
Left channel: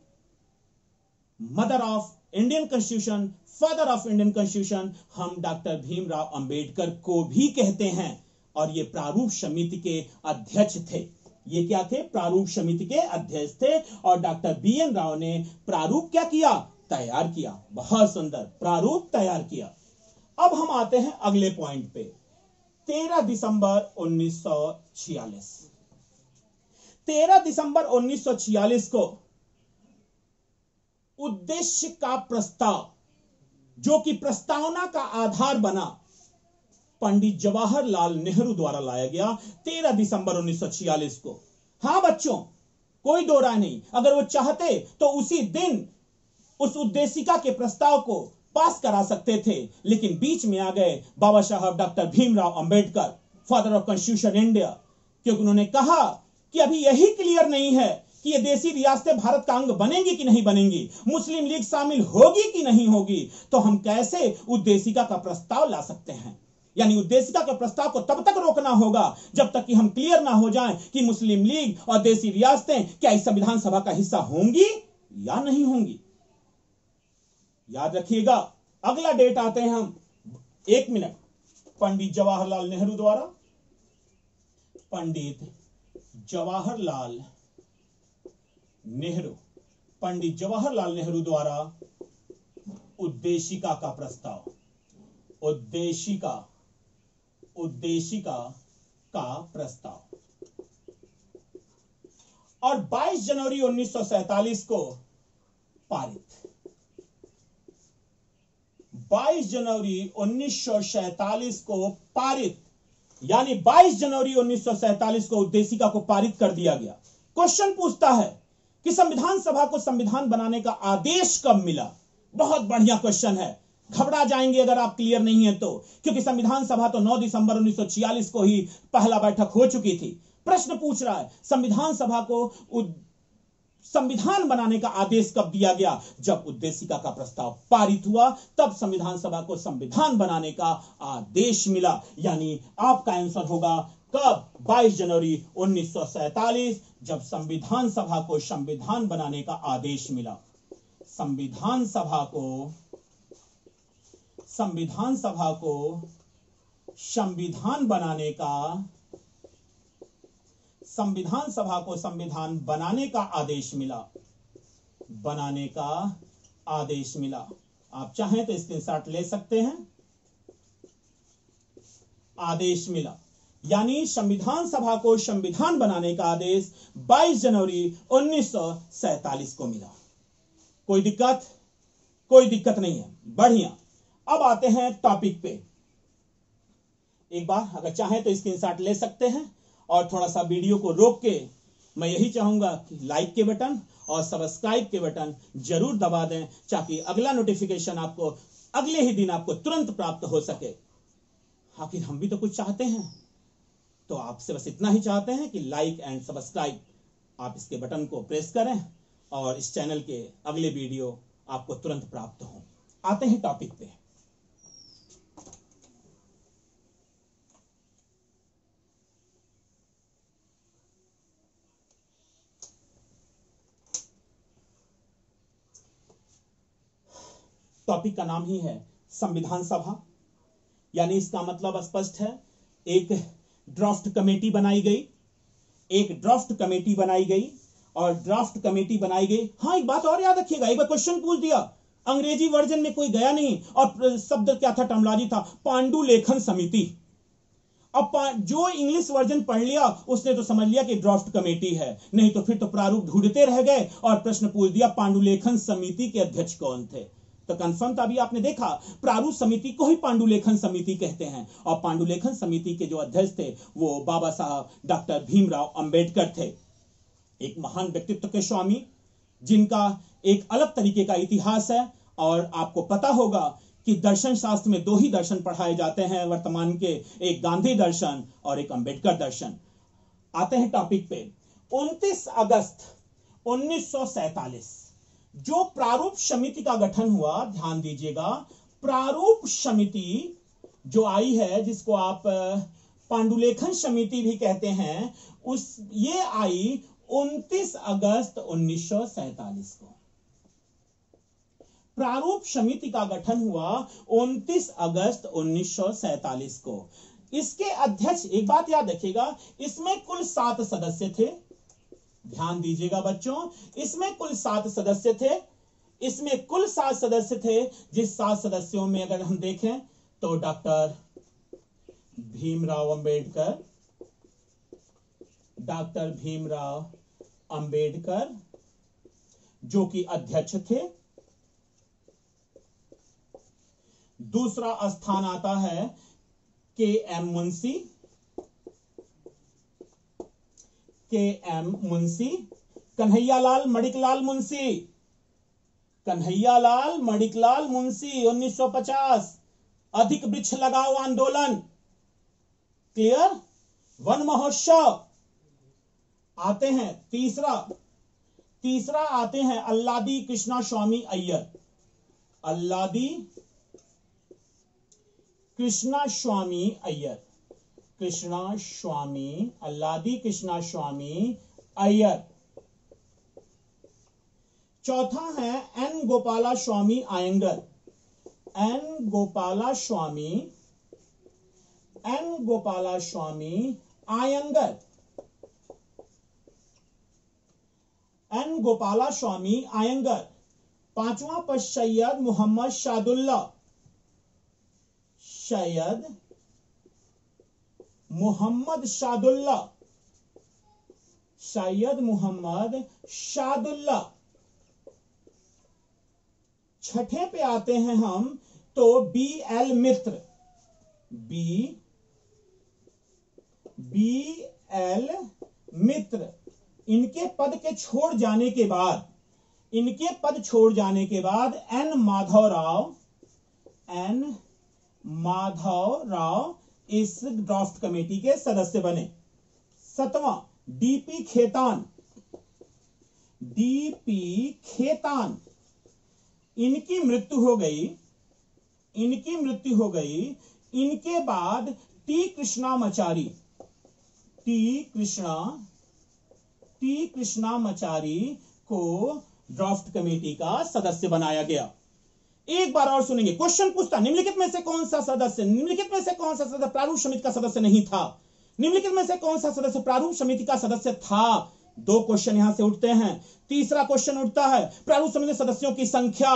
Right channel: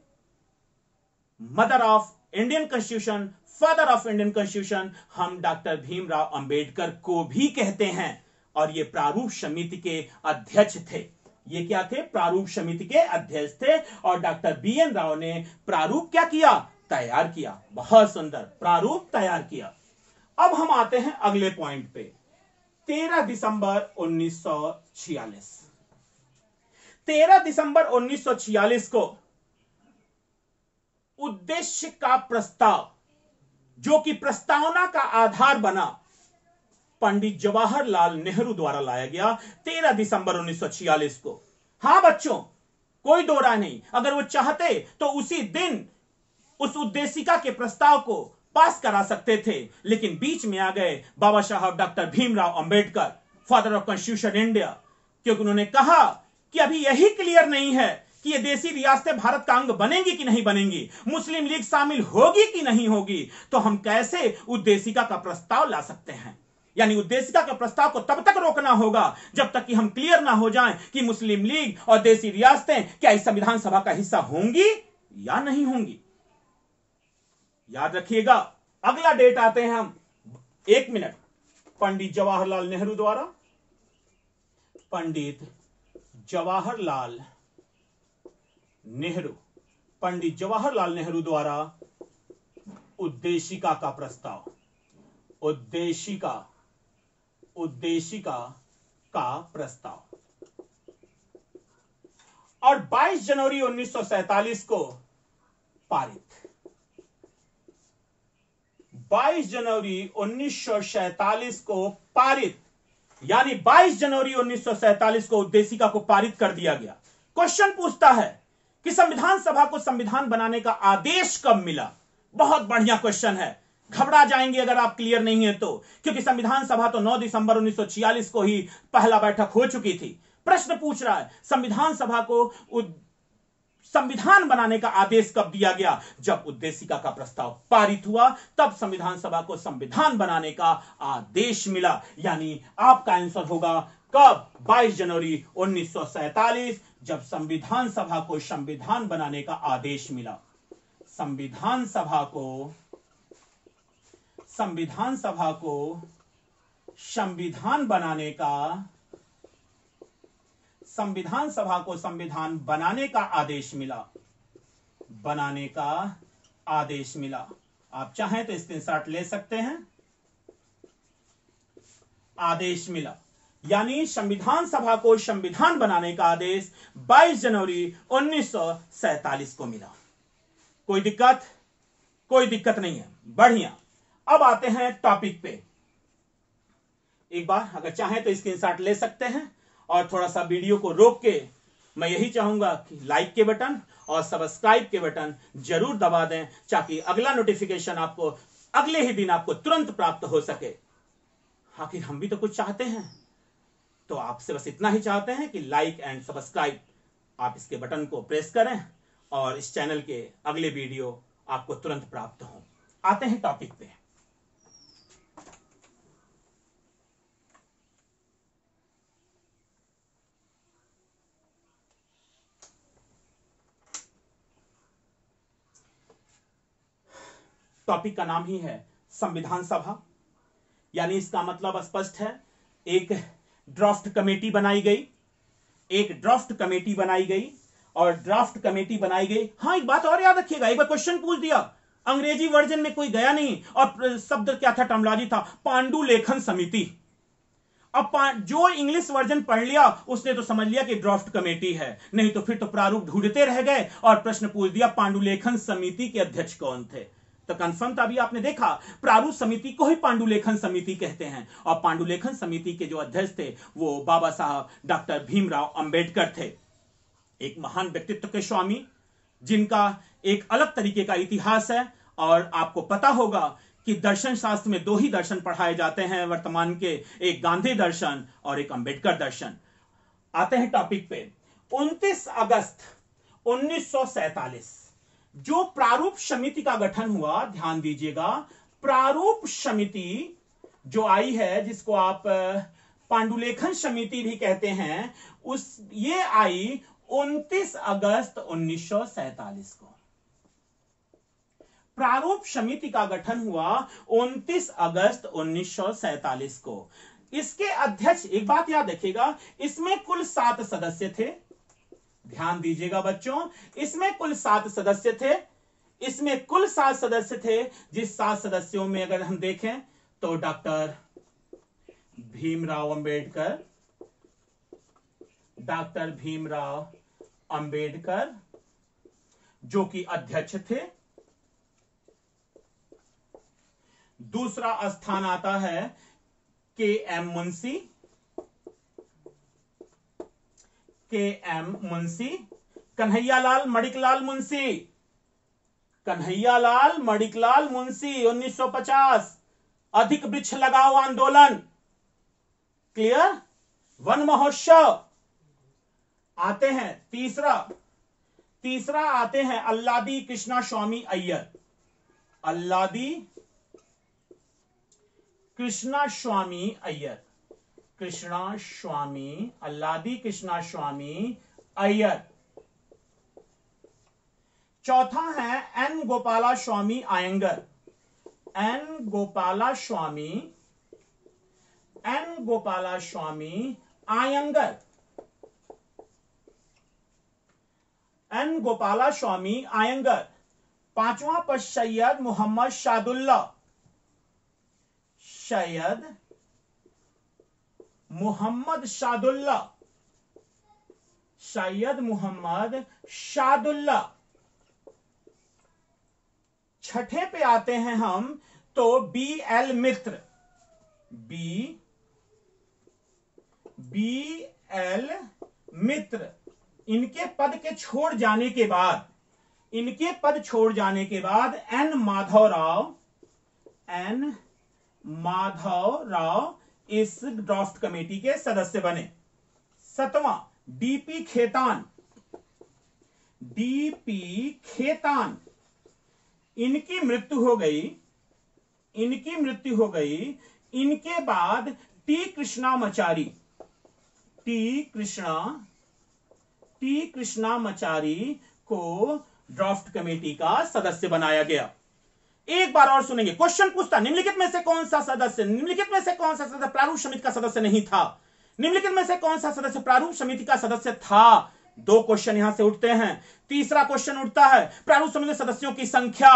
mother of Indian constitution, father of Indian constitution हम डॉक्टर भीमराव अंबेडकर को भी कहते हैं। और ये प्रारूप समिति के अध्यक्ष थे। ये क्या थे? प्रारूप समिति के अध्यक्ष थे। और डॉक्टर BN राव ने प्रारूप क्या किया? तैयार किया। बहुत सुंदर, प्रारूप तैयार किया। अब हम आते हैं अगले पॉइंट पे। 13 दिसंबर 1946, 13 दिसंबर 1946 को उद्देश्य का प्रस्ताव, जो कि प्रस्तावना का आधार बना, पंडित जवाहरलाल नेहरू द्वारा लाया गया 13 दिसंबर 1946 को। हां बच्चों, कोई दो राय नहीं, अगर वो चाहते तो उसी दिन उस उद्देशिका के प्रस्ताव को पास करा सकते थे, लेकिन बीच में आ गए बाबा साहब doctor Bhimrao Ambedkar, father of constitution India, क्योंकि उन्होंने कहा कि अभी यही क्लियर नहीं है कि ये देशी रियासतें भारत का अंग बनेंगी कि नहीं बनेंगी, मुस्लिम लीग शामिल होगी कि नहीं होगी, तो हम कैसे उद्देशिका का प्रस्ताव ला सकते हैं। यानी उद्देशिका के प्रस्ताव को तब तक रोकना होगा जब तक कि हम क्लियर ना हो जाएं कि मुस्लिम लीग और देशी रियासतें क्या इस संविधान सभा का हिस्सा होंगी या नहीं होंगी। याद रखिएगा, अगला डेट आते हैं हम, 1 मिनट, पंडित जवाहरलाल नेहरू द्वारा, पंडित जवाहरलाल नेहरू, पंडित जवाहरलाल नेहरू द्वारा उद्देशिका का प्रस्ताव, उद्देशिका का प्रस्ताव। और 22 जनवरी 1947 को पारित, 22 जनवरी 1947 को पारित, यानी 22 जनवरी 1947 को उद्देशिका को पारित कर दिया गया। क्वेश्चन पूछता है कि संविधान सभा को संविधान बनाने का आदेश कब मिला? बहुत बढ़िया क्वेश्चन है, घबरा जाएंगे अगर आप क्लियर नहीं है तो, क्योंकि संविधान सभा तो 9 दिसंबर 1946 को ही पहला बैठक हो चुकी थी। प्रश्न पूछ रहा है संविधान सभा को संविधान बनाने का आदेश कब दिया गया? जब उद्देशिका का प्रस्ताव पारित हुआ, तब संविधान सभा को संविधान बनाने का आदेश मिला। यानी आपका आंसर होगा कब? 22 जनवरी 1947, जब संविधान सभा को संविधान बनाने का आदेश मिला। संविधान सभा को संविधान बनाने का, संविधान सभा को संविधान बनाने का आदेश मिला, बनाने का आदेश मिला। आप चाहें तो स्क्रीनशॉट ले सकते हैं। आदेश मिला, यानी संविधान सभा को संविधान बनाने का आदेश 22 जनवरी 1947 को मिला। कोई दिक्कत? कोई दिक्कत नहीं है, बढ़िया। अब आते हैं टॉपिक पे। एक बार अगर चाहें तो स्क्रीनशॉट ले सकते हैं, और थोड़ा सा वीडियो को रोक के मैं यही चाहूंगा कि लाइक के बटन और सब्सक्राइब के बटन जरूर दबा दें, ताकि अगला नोटिफिकेशन आपको अगले ही दिन आपको तुरंत प्राप्त हो सके। आखिर हम भी तो कुछ चाहते हैं, तो आपसे बस इतना ही चाहते हैं कि लाइक एंड सब्सक्राइब आप इसके बटन को प्रेस करें और इस चैनल के अगले वीडियो आपको तुरंत प्राप्त हो। आते हैं टॉपिक पे। टॉपिक का नाम ही है संविधान सभा, यानी इसका मतलब स्पष्ट है। एक ड्राफ्ट कमेटी बनाई गई, एक ड्राफ्ट कमेटी बनाई गई और ड्राफ्ट कमेटी बनाई गई। हाँ, एक बात और याद रखिएगा, एक बार क्वेश्चन पूछ दिया, अंग्रेजी वर्जन में कोई गया नहीं और शब्द क्या था, टर्मिनोलॉजी था पांडुलेखन समिति। अब जो इंग्लिश वर्जन पढ़ लिया उसने तो समझ लिया कि ड्राफ्ट कमेटी है, नहीं तो फिर तो प्रारूप ढूंढते रह गए और प्रश्न पूछ दिया पांडुलेखन समिति के अध्यक्ष कौन थे। तो कंफर्म था, अभी आपने देखा प्रारूप समिति को ही पांडुलेखन समिति कहते हैं और पांडुलेखन समिति के जो अध्यक्ष थे वो बाबा साहब डॉक्टर भीमराव अंबेडकर थे। एक महान व्यक्तित्व के स्वामी जिनका एक अलग तरीके का इतिहास है। और आपको पता होगा कि दर्शन शास्त्र में दो ही दर्शन पढ़ाए जाते हैं वर्तमान के, एक गांधी दर्शन और एक अंबेडकर दर्शन। आते हैं टॉपिक पे। 29 अगस्त 1947 जो प्रारूप समिति का गठन हुआ, ध्यान दीजिएगा, प्रारूप समिति जो आई है जिसको आप पांडुलेखन समिति भी कहते हैं, ये आई 29 अगस्त 1947 को। प्रारूप समिति का गठन हुआ 29 अगस्त 1947 को। इसके अध्यक्ष, एक बात याद रखिएगा, इसमें कुल 7 सदस्य थे। ध्यान दीजिएगा बच्चों, इसमें कुल 7 सदस्य थे। इसमें कुल 7 सदस्य थे, जिस 7 सदस्यों में अगर हम देखें तो डॉक्टर भीमराव अंबेडकर, डॉक्टर भीमराव अंबेडकर जो कि अध्यक्ष थे। दूसरा स्थान आता है के.एम. मुंशी, के.एम. मुंशी, कन्हैयालाल मणिकलाल मुंशी, कन्हैयालाल मणिकलाल मुंशी 1950 अधिक वृक्ष लगाओ आंदोलन, क्लियर, वन महोत्सव। आते हैं तीसरा आते हैं अल्लादी कृष्णा स्वामी अय्यर, अल्लादी कृष्णा स्वामी अय्यर, कृष्णा स्वामी, अल्लादी कृष्णा स्वामी अय्यर। चौथा है एन गोपाला स्वामी आयंगर, एन गोपाला स्वामी, एन गोपाला स्वामी आयंगर, एन गोपाला स्वामी आयंगर। पांचवा पर सैयद मोहम्मद शादुल्ला, सैयद मोहम्मद शादुल्ला, सैयद मोहम्मद शादुल्ला। छठे पे आते हैं हम तो बी.एल. मित्र, बी.एल. मित्र। इनके पद के छोड़ जाने के बाद, इनके पद छोड़ जाने के बाद एन माधवराव, एन माधवराव इस ड्राफ्ट कमेटी के सदस्य बने। सातवां डी.पी. खेतान, डी.पी. खेतान। इनकी मृत्यु हो गई, इनकी मृत्यु हो गई। इनके बाद टी. कृष्णामाचारी, टी. कृष्णामाचारी को ड्राफ्ट कमेटी का सदस्य बनाया गया। एक बार और सुनेंगे, क्वेश्चन पूछता निम्नलिखित में से कौन सा सदस्य, निम्नलिखित में से कौन सा सदस्य प्रारूप समिति का सदस्य नहीं था, निम्नलिखित में से कौन सा सदस्य प्रारूप समिति का सदस्य था। 2 क्वेश्चन यहां से उठते हैं। तीसरा क्वेश्चन उठता है प्रारूप समिति सदस्यों की संख्या।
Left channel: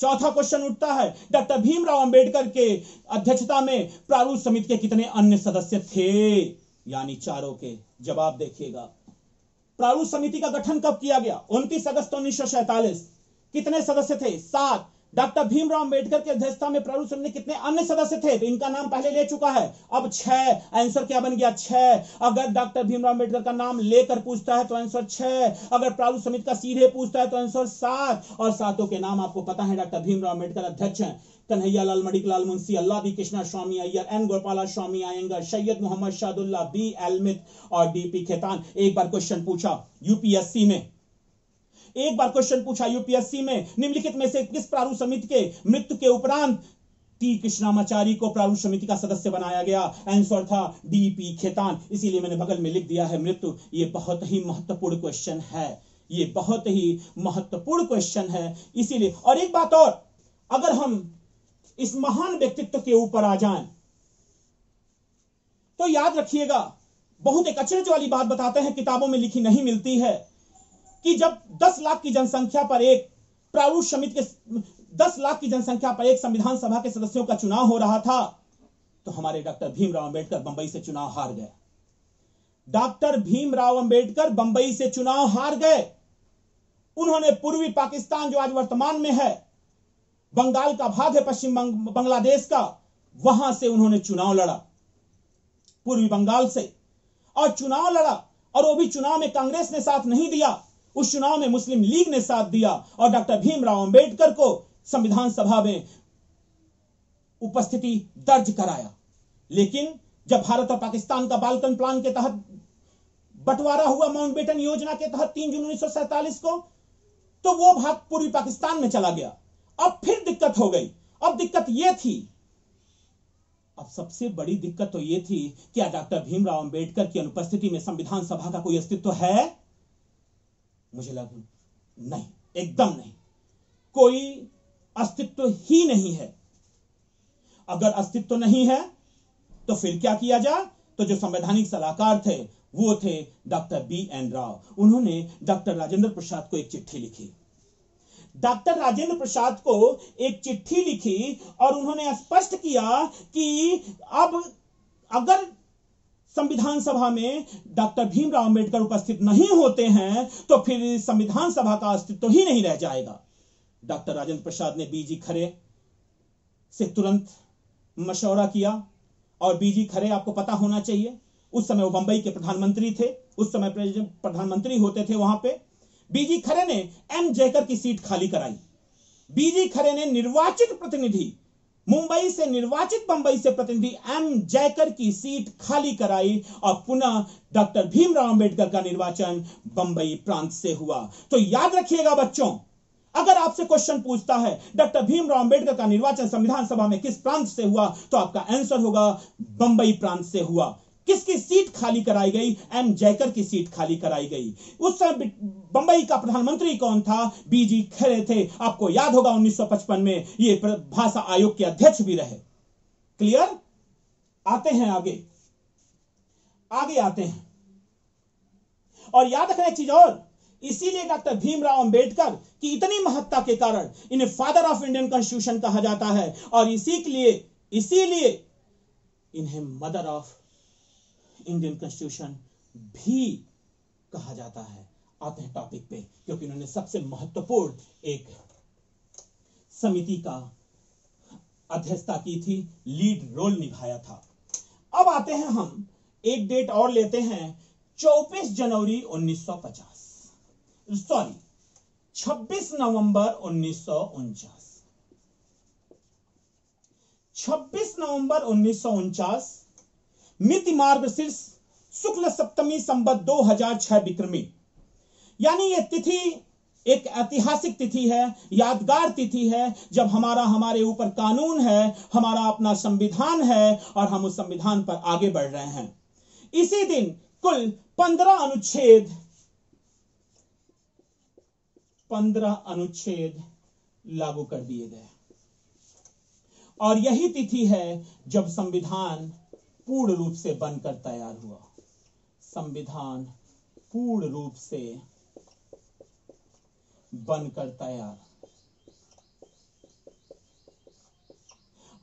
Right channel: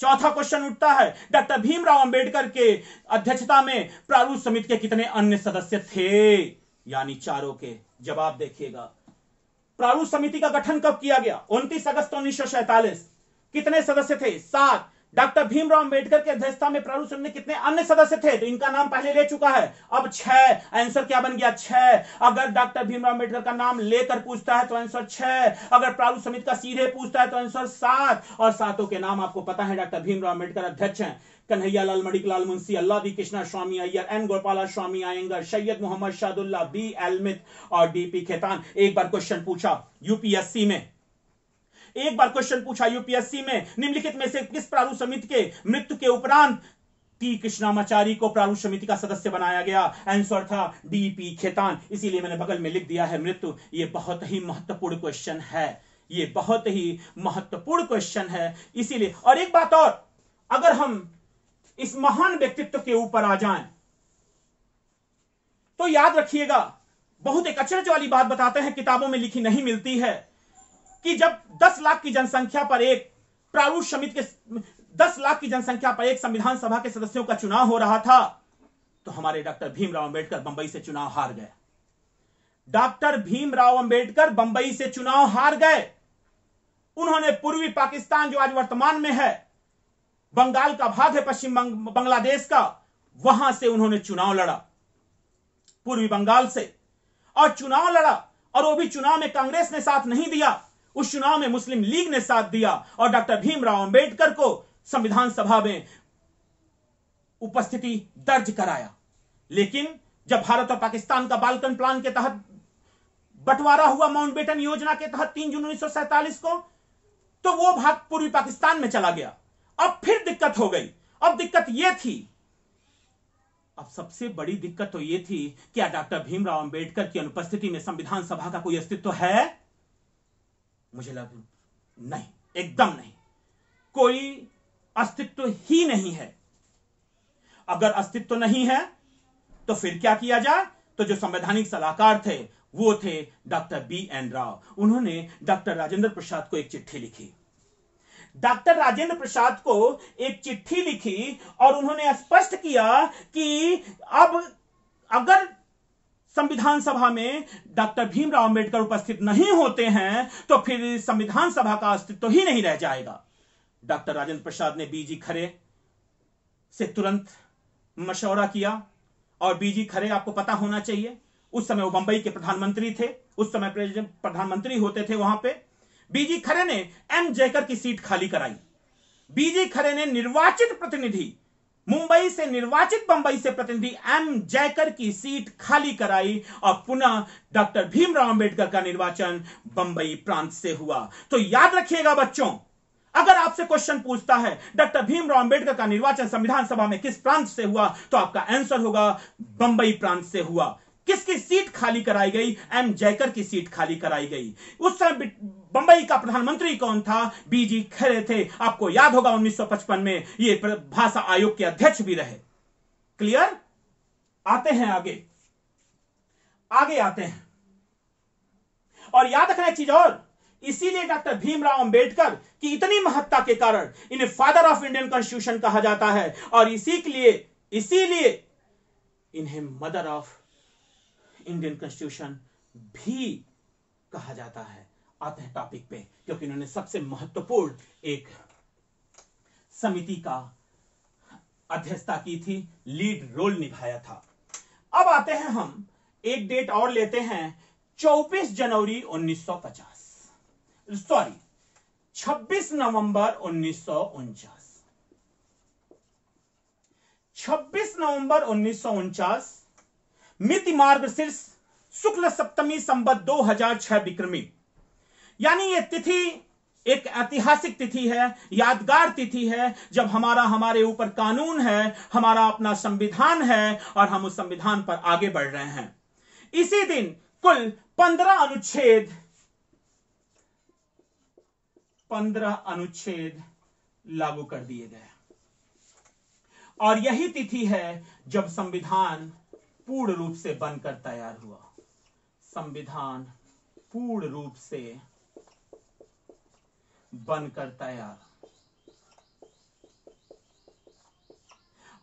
चौथा क्वेश्चन उठता है डॉक्टर भीमराव अंबेडकर के अध्यक्षता में प्रारूप समिति के कितने अन्य सदस्य थे, यानी चारों के जवाब देखिएगा। प्रारूप समिति का गठन कब किया गया? 29 अगस्त 1947। कितने सदस्य थे? 7। डॉक्टर भीमराव अंबेडकर की अध्यक्षता में प्रारूप समिति में कितने अन्य सदस्य थे? तो इनका नाम पहले ले चुका है, अब 6। आंसर क्या बन गया? 6। अगर डॉक्टर भीमराव अंबेडकर का नाम लेकर पूछता है तो आंसर 6। अगर प्रारूप समिति का सीधे पूछता है तो आंसर 7। और 7 के नाम आपको पता है। डॉक्टर भीमराव अंबेडकर अध्यक्ष हैं, कन्हैयालाल मणिकलाल मुंशी, अल्लादी कृष्णा स्वामी अय्यर, एन गोपाला स्वामी आयंगर, सैयद मोहम्मद शादुल्ला, बी.एल. मित्र और डी.पी. खेतान। एक बार क्वेश्चन पूछा यूपीएससी में, एक बार क्वेश्चन पूछा यूपीएससी में, निम्नलिखित में से किस प्रारूप समिति के मृत्यु के उपरांत टी. कृष्णामाचारी को प्रारूप समिति का सदस्य बनाया गया? आंसर था डी.पी. खेतान। इसीलिए मैंने बगल में लिख दिया है मृत्यु। ये बहुत ही महत्वपूर्ण क्वेश्चन है, ये बहुत ही महत्वपूर्ण क्वेश्चन है इसीलिए। और एक बात और, अगर हम इस महान व्यक्तित्व के ऊपर आ जाएं तो याद रखिएगा, बहुत एक अचरज वाली बात बताते हैं, किताबों में लिखी नहीं मिलती है, कि जब 10 लाख की जनसंख्या पर एक प्रारूप समिति के 10 लाख की जनसंख्या पर एक संविधान सभा के सदस्यों का चुनाव हो रहा था, तो हमारे डॉक्टर भीमराव अंबेडकर बंबई से चुनाव हार गए। डॉक्टर भीमराव अंबेडकर बंबई से चुनाव हार गए। उन्होंने पूर्वी पाकिस्तान, जो आज वर्तमान में है, बंगाल का भाग है पश्चिम बांग्लादेश का, वहां से उन्होंने चुनाव लड़ा, पूर्वी बंगाल से, और चुनाव लड़ा। और वो भी चुनाव में कांग्रेस ने साथ नहीं दिया, उस चुनाव में मुस्लिम लीग ने साथ दिया और डॉक्टर भीमराव अंबेडकर को संविधान सभा में उपस्थिति दर्ज कराया। लेकिन जब भारत और पाकिस्तान का बाल्कन प्लान के तहत बंटवारा हुआ, माउंटबेटन योजना के तहत 3 जून 1947 को, तो वो भाग पूर्वी पाकिस्तान में चला गया। अब फिर दिक्कत हो गई। अब दिक्कत यह थी, अब सबसे बड़ी दिक्कत तो यह थी, क्या डॉक्टर भीमराव अंबेडकर की अनुपस्थिति में संविधान सभा का कोई अस्तित्व है? मुझे लगा नहीं, एकदम नहीं, कोई अस्तित्व ही नहीं है। अगर अस्तित्व नहीं है तो फिर क्या किया जाए? तो जो संवैधानिक सलाहकार थे वो थे डॉक्टर B.N. राव। उन्होंने डॉक्टर राजेंद्र प्रसाद को एक चिट्ठी लिखी। डॉक्टर राजेंद्र प्रसाद को एक चिट्ठी लिखी और उन्होंने स्पष्ट किया कि अब अगर संविधान सभा में डॉक्टर भीमराव अंबेडकर उपस्थित नहीं होते हैं तो फिर संविधान सभा का अस्तित्व ही नहीं रह जाएगा। डॉक्टर राजेंद्र प्रसाद ने बीजी खरे से तुरंत मशवरा किया, और बीजी खरे आपको पता होना चाहिए, उस समय वो बंबई के प्रधानमंत्री थे, उस समय प्रधानमंत्री होते थे वहां पे। बीजी खरे ने एम जयकर की सीट खाली कराई। बीजी खरे ने निर्वाचित प्रतिनिधि, मुंबई से निर्वाचित बंबई से प्रतिनिधि एम जयकर की सीट खाली कराई और पुनः डॉक्टर भीमराव अंबेडकर का निर्वाचन बंबई प्रांत से हुआ। तो याद रखिएगा बच्चों, अगर आपसे क्वेश्चन पूछता है डॉक्टर भीमराव अंबेडकर का निर्वाचन संविधान सभा में किस प्रांत से हुआ, तो आपका आंसर होगा बंबई प्रांत से हुआ। किसकी सीट खाली कराई गई? एम जयकर की सीट खाली कराई गई। उस समय बंबई का प्रधानमंत्री कौन था? बीजी खरे थे। आपको याद होगा 1955 में ये भाषा आयोग के अध्यक्ष भी रहे। क्लियर? आते हैं आगे, आगे आते हैं। और याद रखना एक चीज और, इसीलिए डॉक्टर भीमराव अंबेडकर की इतनी महत्ता के कारण इन्हें फादर ऑफ इंडियन कॉन्स्टिट्यूशन कहा जाता है, और इसीलिए इन्हें मदर ऑफ इंडियन कॉन्स्टिट्यूशन भी कहा जाता है। आते हैं टॉपिक पे, क्योंकि इन्होंने सबसे महत्वपूर्ण एक समिति का अध्यक्षता की थी, लीड रोल निभाया था। अब आते हैं हम, एक डेट और लेते हैं, 24 जनवरी 1950, सॉरी 26 नवंबर 1949। 26 नवंबर 1949 मिति मार्गशीर्ष शुक्ल सप्तमी संवत 2006 विक्रमी, यानी यह तिथि एक ऐतिहासिक तिथि है, यादगार तिथि है, जब हमारे ऊपर कानून है, हमारा अपना संविधान है और हम उस संविधान पर आगे बढ़ रहे हैं। इसी दिन कुल 15 अनुच्छेद लागू कर दिए गए, और यही तिथि है जब संविधान पूर्ण रूप से बनकर तैयार हुआ। संविधान पूर्ण रूप से बनकर तैयार।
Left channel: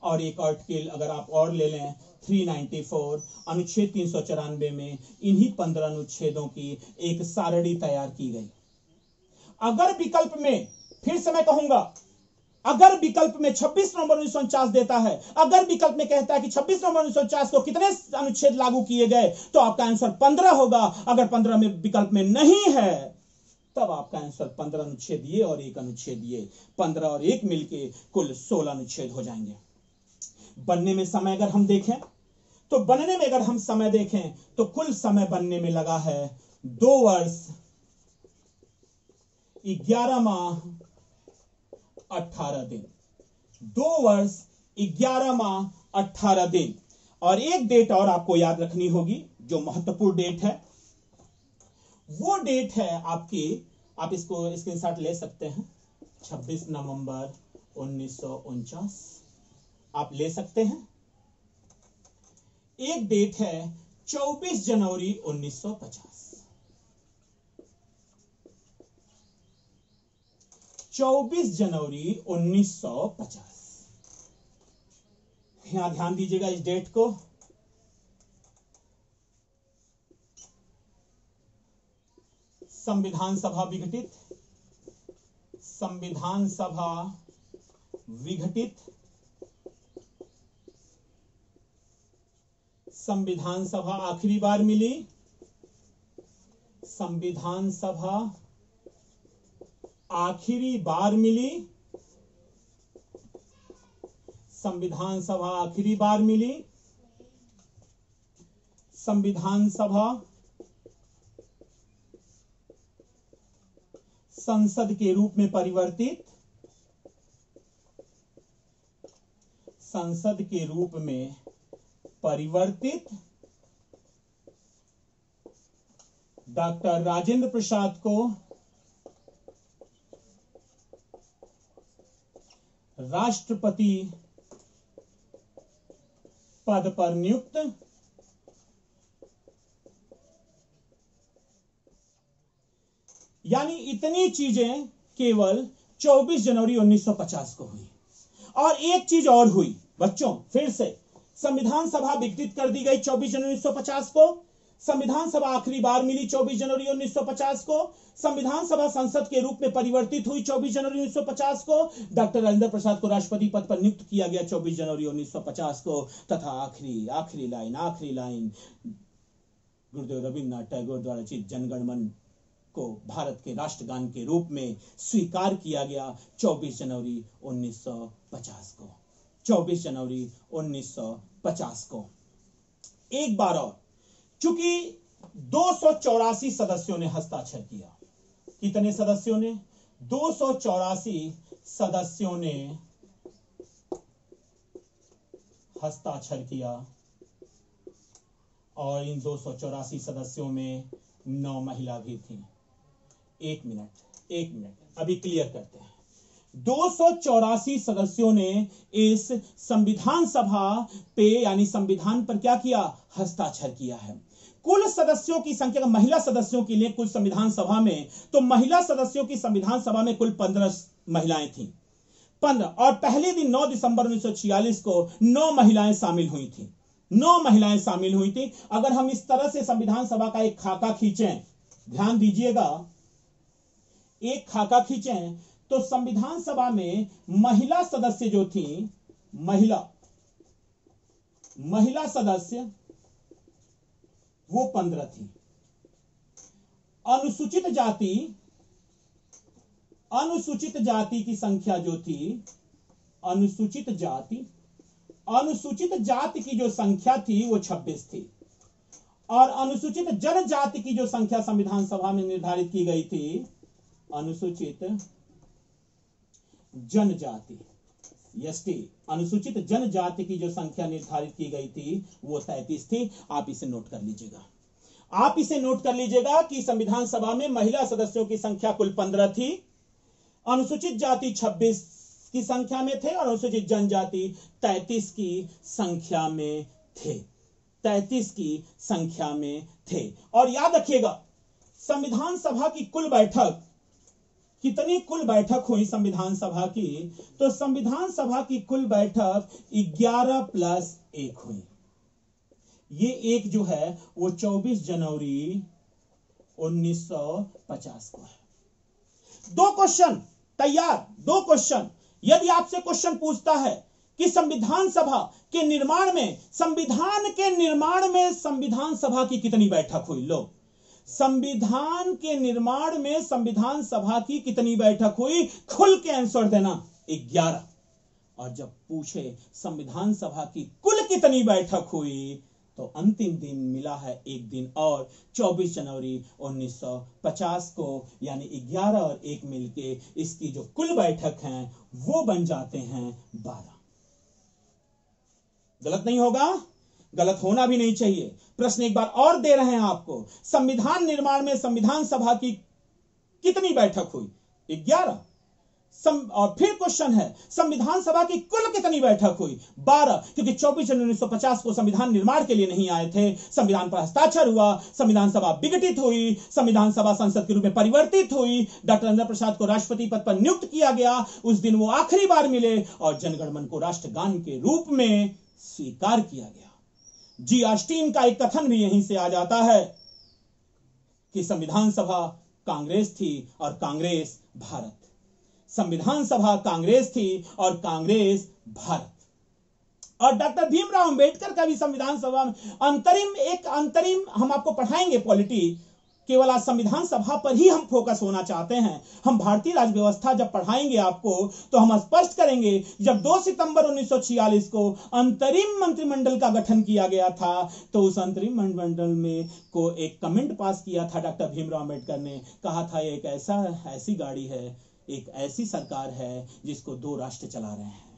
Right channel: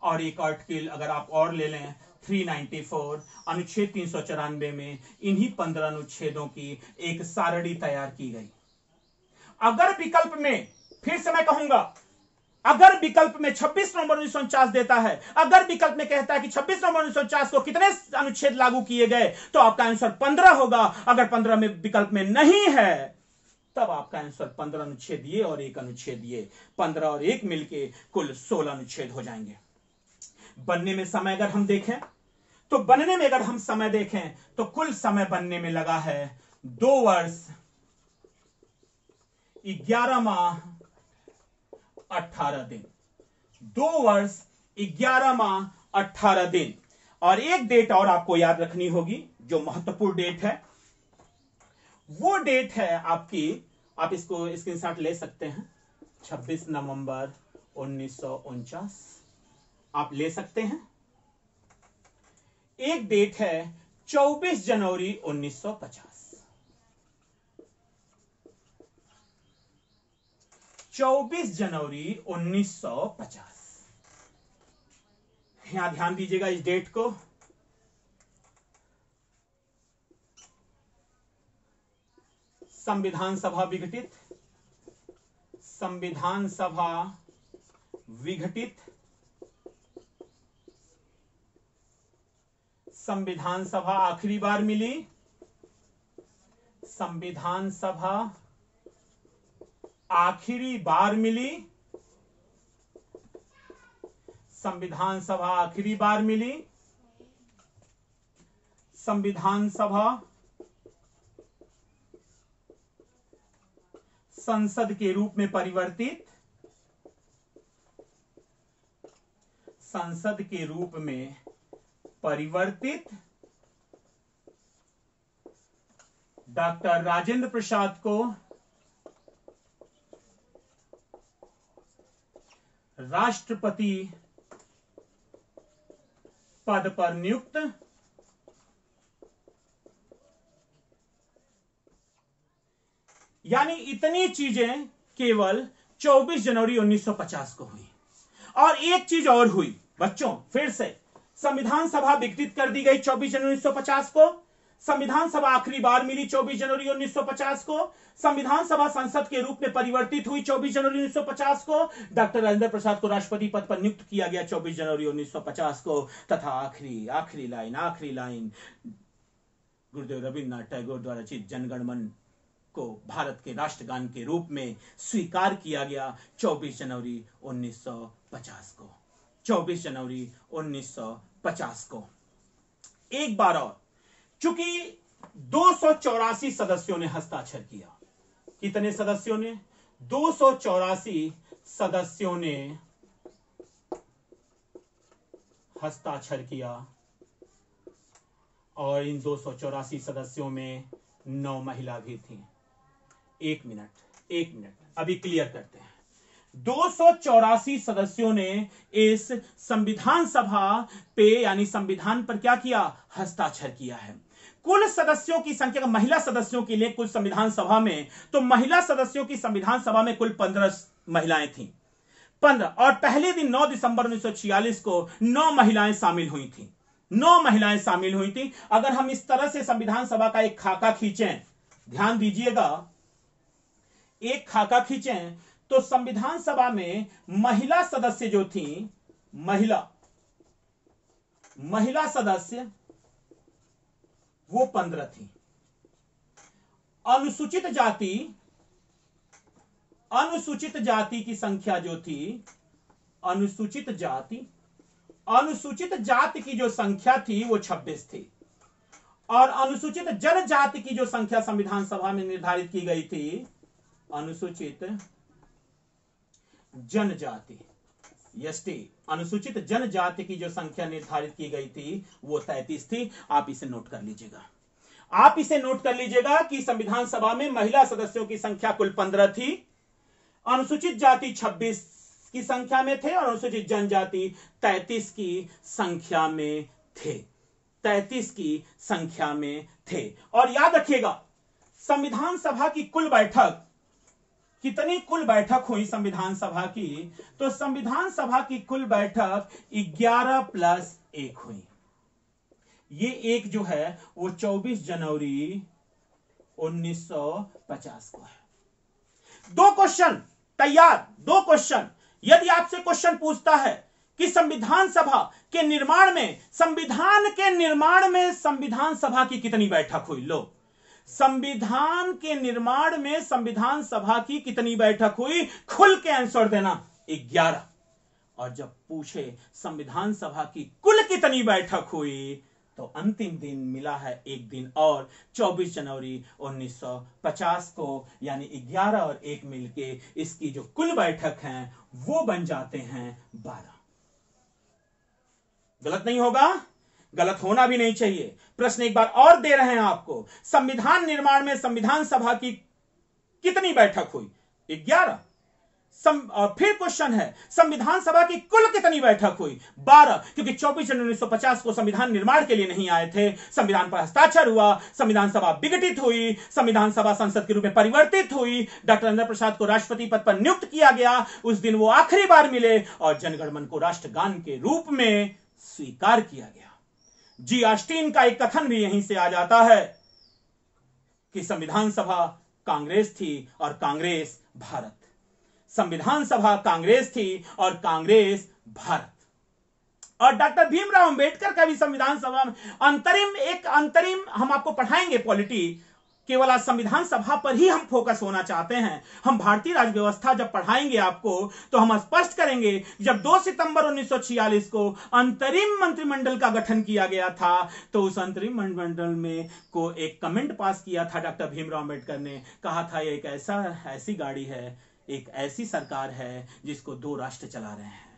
और एक आर्टिकल अगर आप और ले लें, 394 अनुच्छेद 394 में इन्हीं 15 अनुच्छेदों की एक सारणी तैयार की गई। अगर विकल्प में, फिर से मैं कहूंगा, अगर विकल्प में 26 नवंबर 1949 देता है, अगर विकल्प में कहता है कि 26 नवंबर 1949 को कितने अनुच्छेद लागू किए गए, तो आपका आंसर 15 होगा। अगर 15 में विकल्प में नहीं है, तब आपका आंसर 15 अनुच्छेद ये और एक अनुच्छेद ये, 15 और 1 मिलके कुल 16 अनुच्छेद हो जाएंगे। बनने में समय अगर हम देखें, तो बनने में अगर हम समय देखें तो कुल समय बनने में लगा है 2 वर्ष 11 माह 18 दिन। 2 वर्ष 11 माह 18 दिन। और एक डेट और आपको याद रखनी होगी, जो महत्वपूर्ण डेट है, वो डेट है आपकी, आप इसको स्क्रीनशॉट ले सकते हैं, 26 नवंबर 1949 आप ले सकते हैं। एक डेट है 24 जनवरी 1950। 24 जनवरी 1950 यहां ध्यान दीजिएगा इस डेट को। संविधान सभा विघटित, संविधान सभा विघटित, संविधान सभा आखिरी बार मिली, संविधान सभा आखिरी बार मिली, संविधान सभा आखिरी बार मिली, संविधान सभा संसद के रूप में परिवर्तित, संसद के रूप में परिवर्तित, डॉक्टर राजेंद्र प्रसाद को राष्ट्रपति पद पर नियुक्त, यानी इतनी चीजें केवल 24 जनवरी 1950 को हुई। और एक चीज और हुई बच्चों, फिर से संविधान सभा विघटित कर दी गई 24 जनवरी 1950 को, संविधान सभा आखिरी बार मिली 24 जनवरी 1950 को, संविधान सभा संसद के रूप में परिवर्तित हुई 24 जनवरी 1950 को, डॉक्टर राजेंद्र प्रसाद को राष्ट्रपति पद पर नियुक्त किया गया 24 जनवरी 1950 को, तथा आखिरी लाइन गुरुदेव रविन्द्रनाथ टैगोर द्वारा रचित जनगण मन को भारत के राष्ट्रगान के रूप में स्वीकार किया गया 24 जनवरी 1950 को, 24 जनवरी 1950 को। एक बार और, चूंकि 284 सदस्यों ने हस्ताक्षर किया, कितने सदस्यों ने? 284 सदस्यों ने हस्ताक्षर किया, और इन 284 सदस्यों में 9 महिला भी थी। एक मिनट अभी क्लियर करते हैं। 284 सदस्यों ने इस संविधान सभा पे यानी संविधान पर क्या किया? हस्ताक्षर किया है। कुल सदस्यों की संख्या, महिला सदस्यों के लिए कुल संविधान सभा में, तो महिला सदस्यों की संविधान सभा में कुल 15 महिलाएं थीं, 15। और पहले दिन 9 दिसंबर 1946 को 9 महिलाएं शामिल हुई थी, 9 महिलाएं शामिल हुई थी। अगर हम इस तरह से संविधान सभा का एक खाका खींचें, ध्यान दीजिएगा, एक खाका खींचें, तो संविधान सभा में महिला सदस्य जो थी, महिला सदस्य वो 15 थी। अनुसूचित जाति की संख्या जो थी, अनुसूचित जाति की जो संख्या थी वो 26 थी। और अनुसूचित जनजाति की जो संख्या संविधान सभा में निर्धारित की गई थी, अनुसूचित जनजाति, एसटी, अनुसूचित जनजाति की जो संख्या निर्धारित की गई थी वो 33 थी। आप इसे नोट कर लीजिएगा, आप इसे नोट कर लीजिएगा कि संविधान सभा में महिला सदस्यों की संख्या कुल 15 थी, अनुसूचित जाति 26 की संख्या में थे, और अनुसूचित जनजाति 33 की संख्या में थे, 33 की संख्या में थे। और याद रखिएगा, संविधान सभा की कुल बैठक, कितनी कुल बैठक हुई संविधान सभा की? तो संविधान सभा की कुल बैठक 11 + 1 हुई। ये एक जो है वो 24 जनवरी 1950 को है। 2 क्वेश्चन तैयार, 2 क्वेश्चन। यदि आपसे क्वेश्चन पूछता है कि संविधान सभा के निर्माण में, संविधान सभा की कितनी बैठक हुई? लो, संविधान के निर्माण में संविधान सभा की कितनी बैठक हुई? खुल के आंसर देना, 11। और जब पूछे संविधान सभा की कुल कितनी बैठक हुई, तो अंतिम दिन मिला है एक दिन और, 24 जनवरी 1950 को, यानी 11 और 1 मिलके इसकी जो कुल बैठक हैं वो बन जाते हैं 12। गलत नहीं होगा, गलत होना भी नहीं चाहिए। प्रश्न एक बार और दे रहे हैं आपको, संविधान निर्माण में संविधान सभा की कितनी बैठक हुई? 11। और फिर क्वेश्चन है, संविधान सभा की कुल कितनी बैठक हुई? 12, क्योंकि 24 जनवरी 1950 को संविधान निर्माण के लिए नहीं आए थे, संविधान पर हस्ताक्षर हुआ, संविधान सभा विघटित हुई, संविधान सभा संसद के रूप में परिवर्तित हुई, डॉक्टर राजेंद्र प्रसाद को राष्ट्रपति पद पर नियुक्त किया गया, उस दिन वो आखिरी बार मिले, और जनगण मन को राष्ट्रगान के रूप में स्वीकार किया गया। जी ऑस्टिन का एक कथन भी यहीं से आ जाता है कि संविधान सभा कांग्रेस थी और कांग्रेस भारत। संविधान सभा कांग्रेस थी और कांग्रेस भारत। और डॉक्टर भीमराव अंबेडकर का भी संविधान सभा में अंतरिम हम आपको पढ़ाएंगे पॉलिटी। केवल आज संविधान सभा पर ही हम फोकस होना चाहते हैं। हम भारतीय राज्य व्यवस्था जब पढ़ाएंगे आपको तो हम स्पष्ट करेंगे, जब 2 सितंबर 1946 को अंतरिम मंत्रिमंडल का गठन किया गया था तो उस अंतरिम मंत्रिमंडल में को एक कमेंट पास किया था डॉक्टर भीमराव अंबेडकर ने। कहा था एक ऐसी गाड़ी है, एक ऐसी सरकार है जिसको 2 राष्ट्र चला रहे हैं।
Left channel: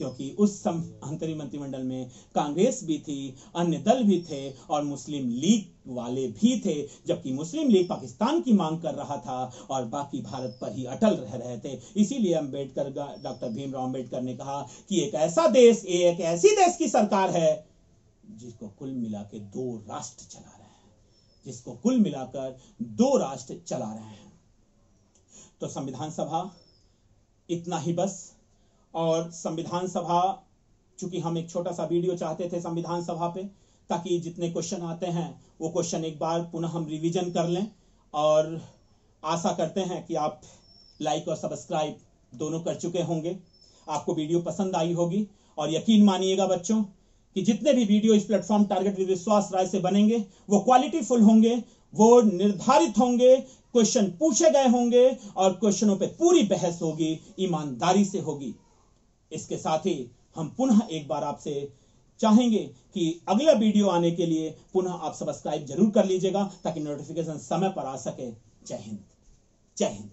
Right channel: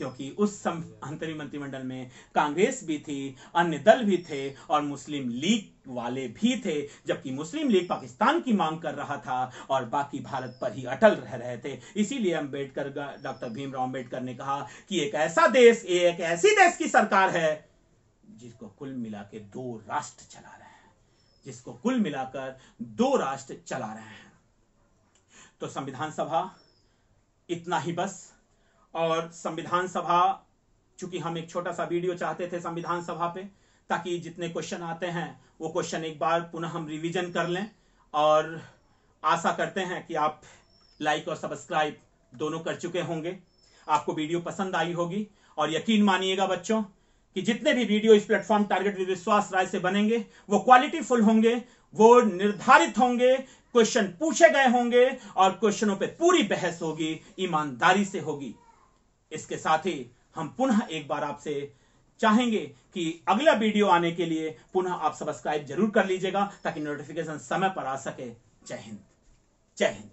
क्योंकि उस अंतरिम मंत्रिमंडल में कांग्रेस भी थी, अन्य दल भी थे और मुस्लिम लीग वाले भी थे, जबकि मुस्लिम लीग पाकिस्तान की मांग कर रहा था और बाकी भारत पर ही अटल रह रहे थे। इसीलिए अंबेडकर, डॉक्टर भीमराव अंबेडकर ने कहा कि एक ऐसी देश की सरकार है जिसको कुल मिला के 2 राष्ट्र चला रहे हैं, जिसको कुल मिलाकर 2 राष्ट्र चला रहे हैं। तो संविधान सभा इतना ही बस। और संविधान सभा, चूंकि हम एक छोटा सा वीडियो चाहते थे संविधान सभा पे, ताकि जितने क्वेश्चन आते हैं वो क्वेश्चन एक बार पुनः हम रिवीजन कर लें। और आशा करते हैं कि आप लाइक और सब्सक्राइब दोनों कर चुके होंगे, आपको वीडियो पसंद आई होगी। और यकीन मानिएगा बच्चों कि जितने भी वीडियो इस प्लेटफॉर्म टारगेट विद विश्वास राय से बनेंगे वो क्वालिटीफुल होंगे, वो निर्धारित होंगे, क्वेश्चन पूछे गए होंगे और क्वेश्चनों पे पूरी बहस होगी, ईमानदारी से होगी। इसके साथ ही हम पुनः एक बार आपसे चाहेंगे कि अगला वीडियो आने के लिए पुनः आप सब्सक्राइब जरूर कर लीजिएगा ताकि नोटिफिकेशन समय पर आ सके। जय हिंद, जय हिंद।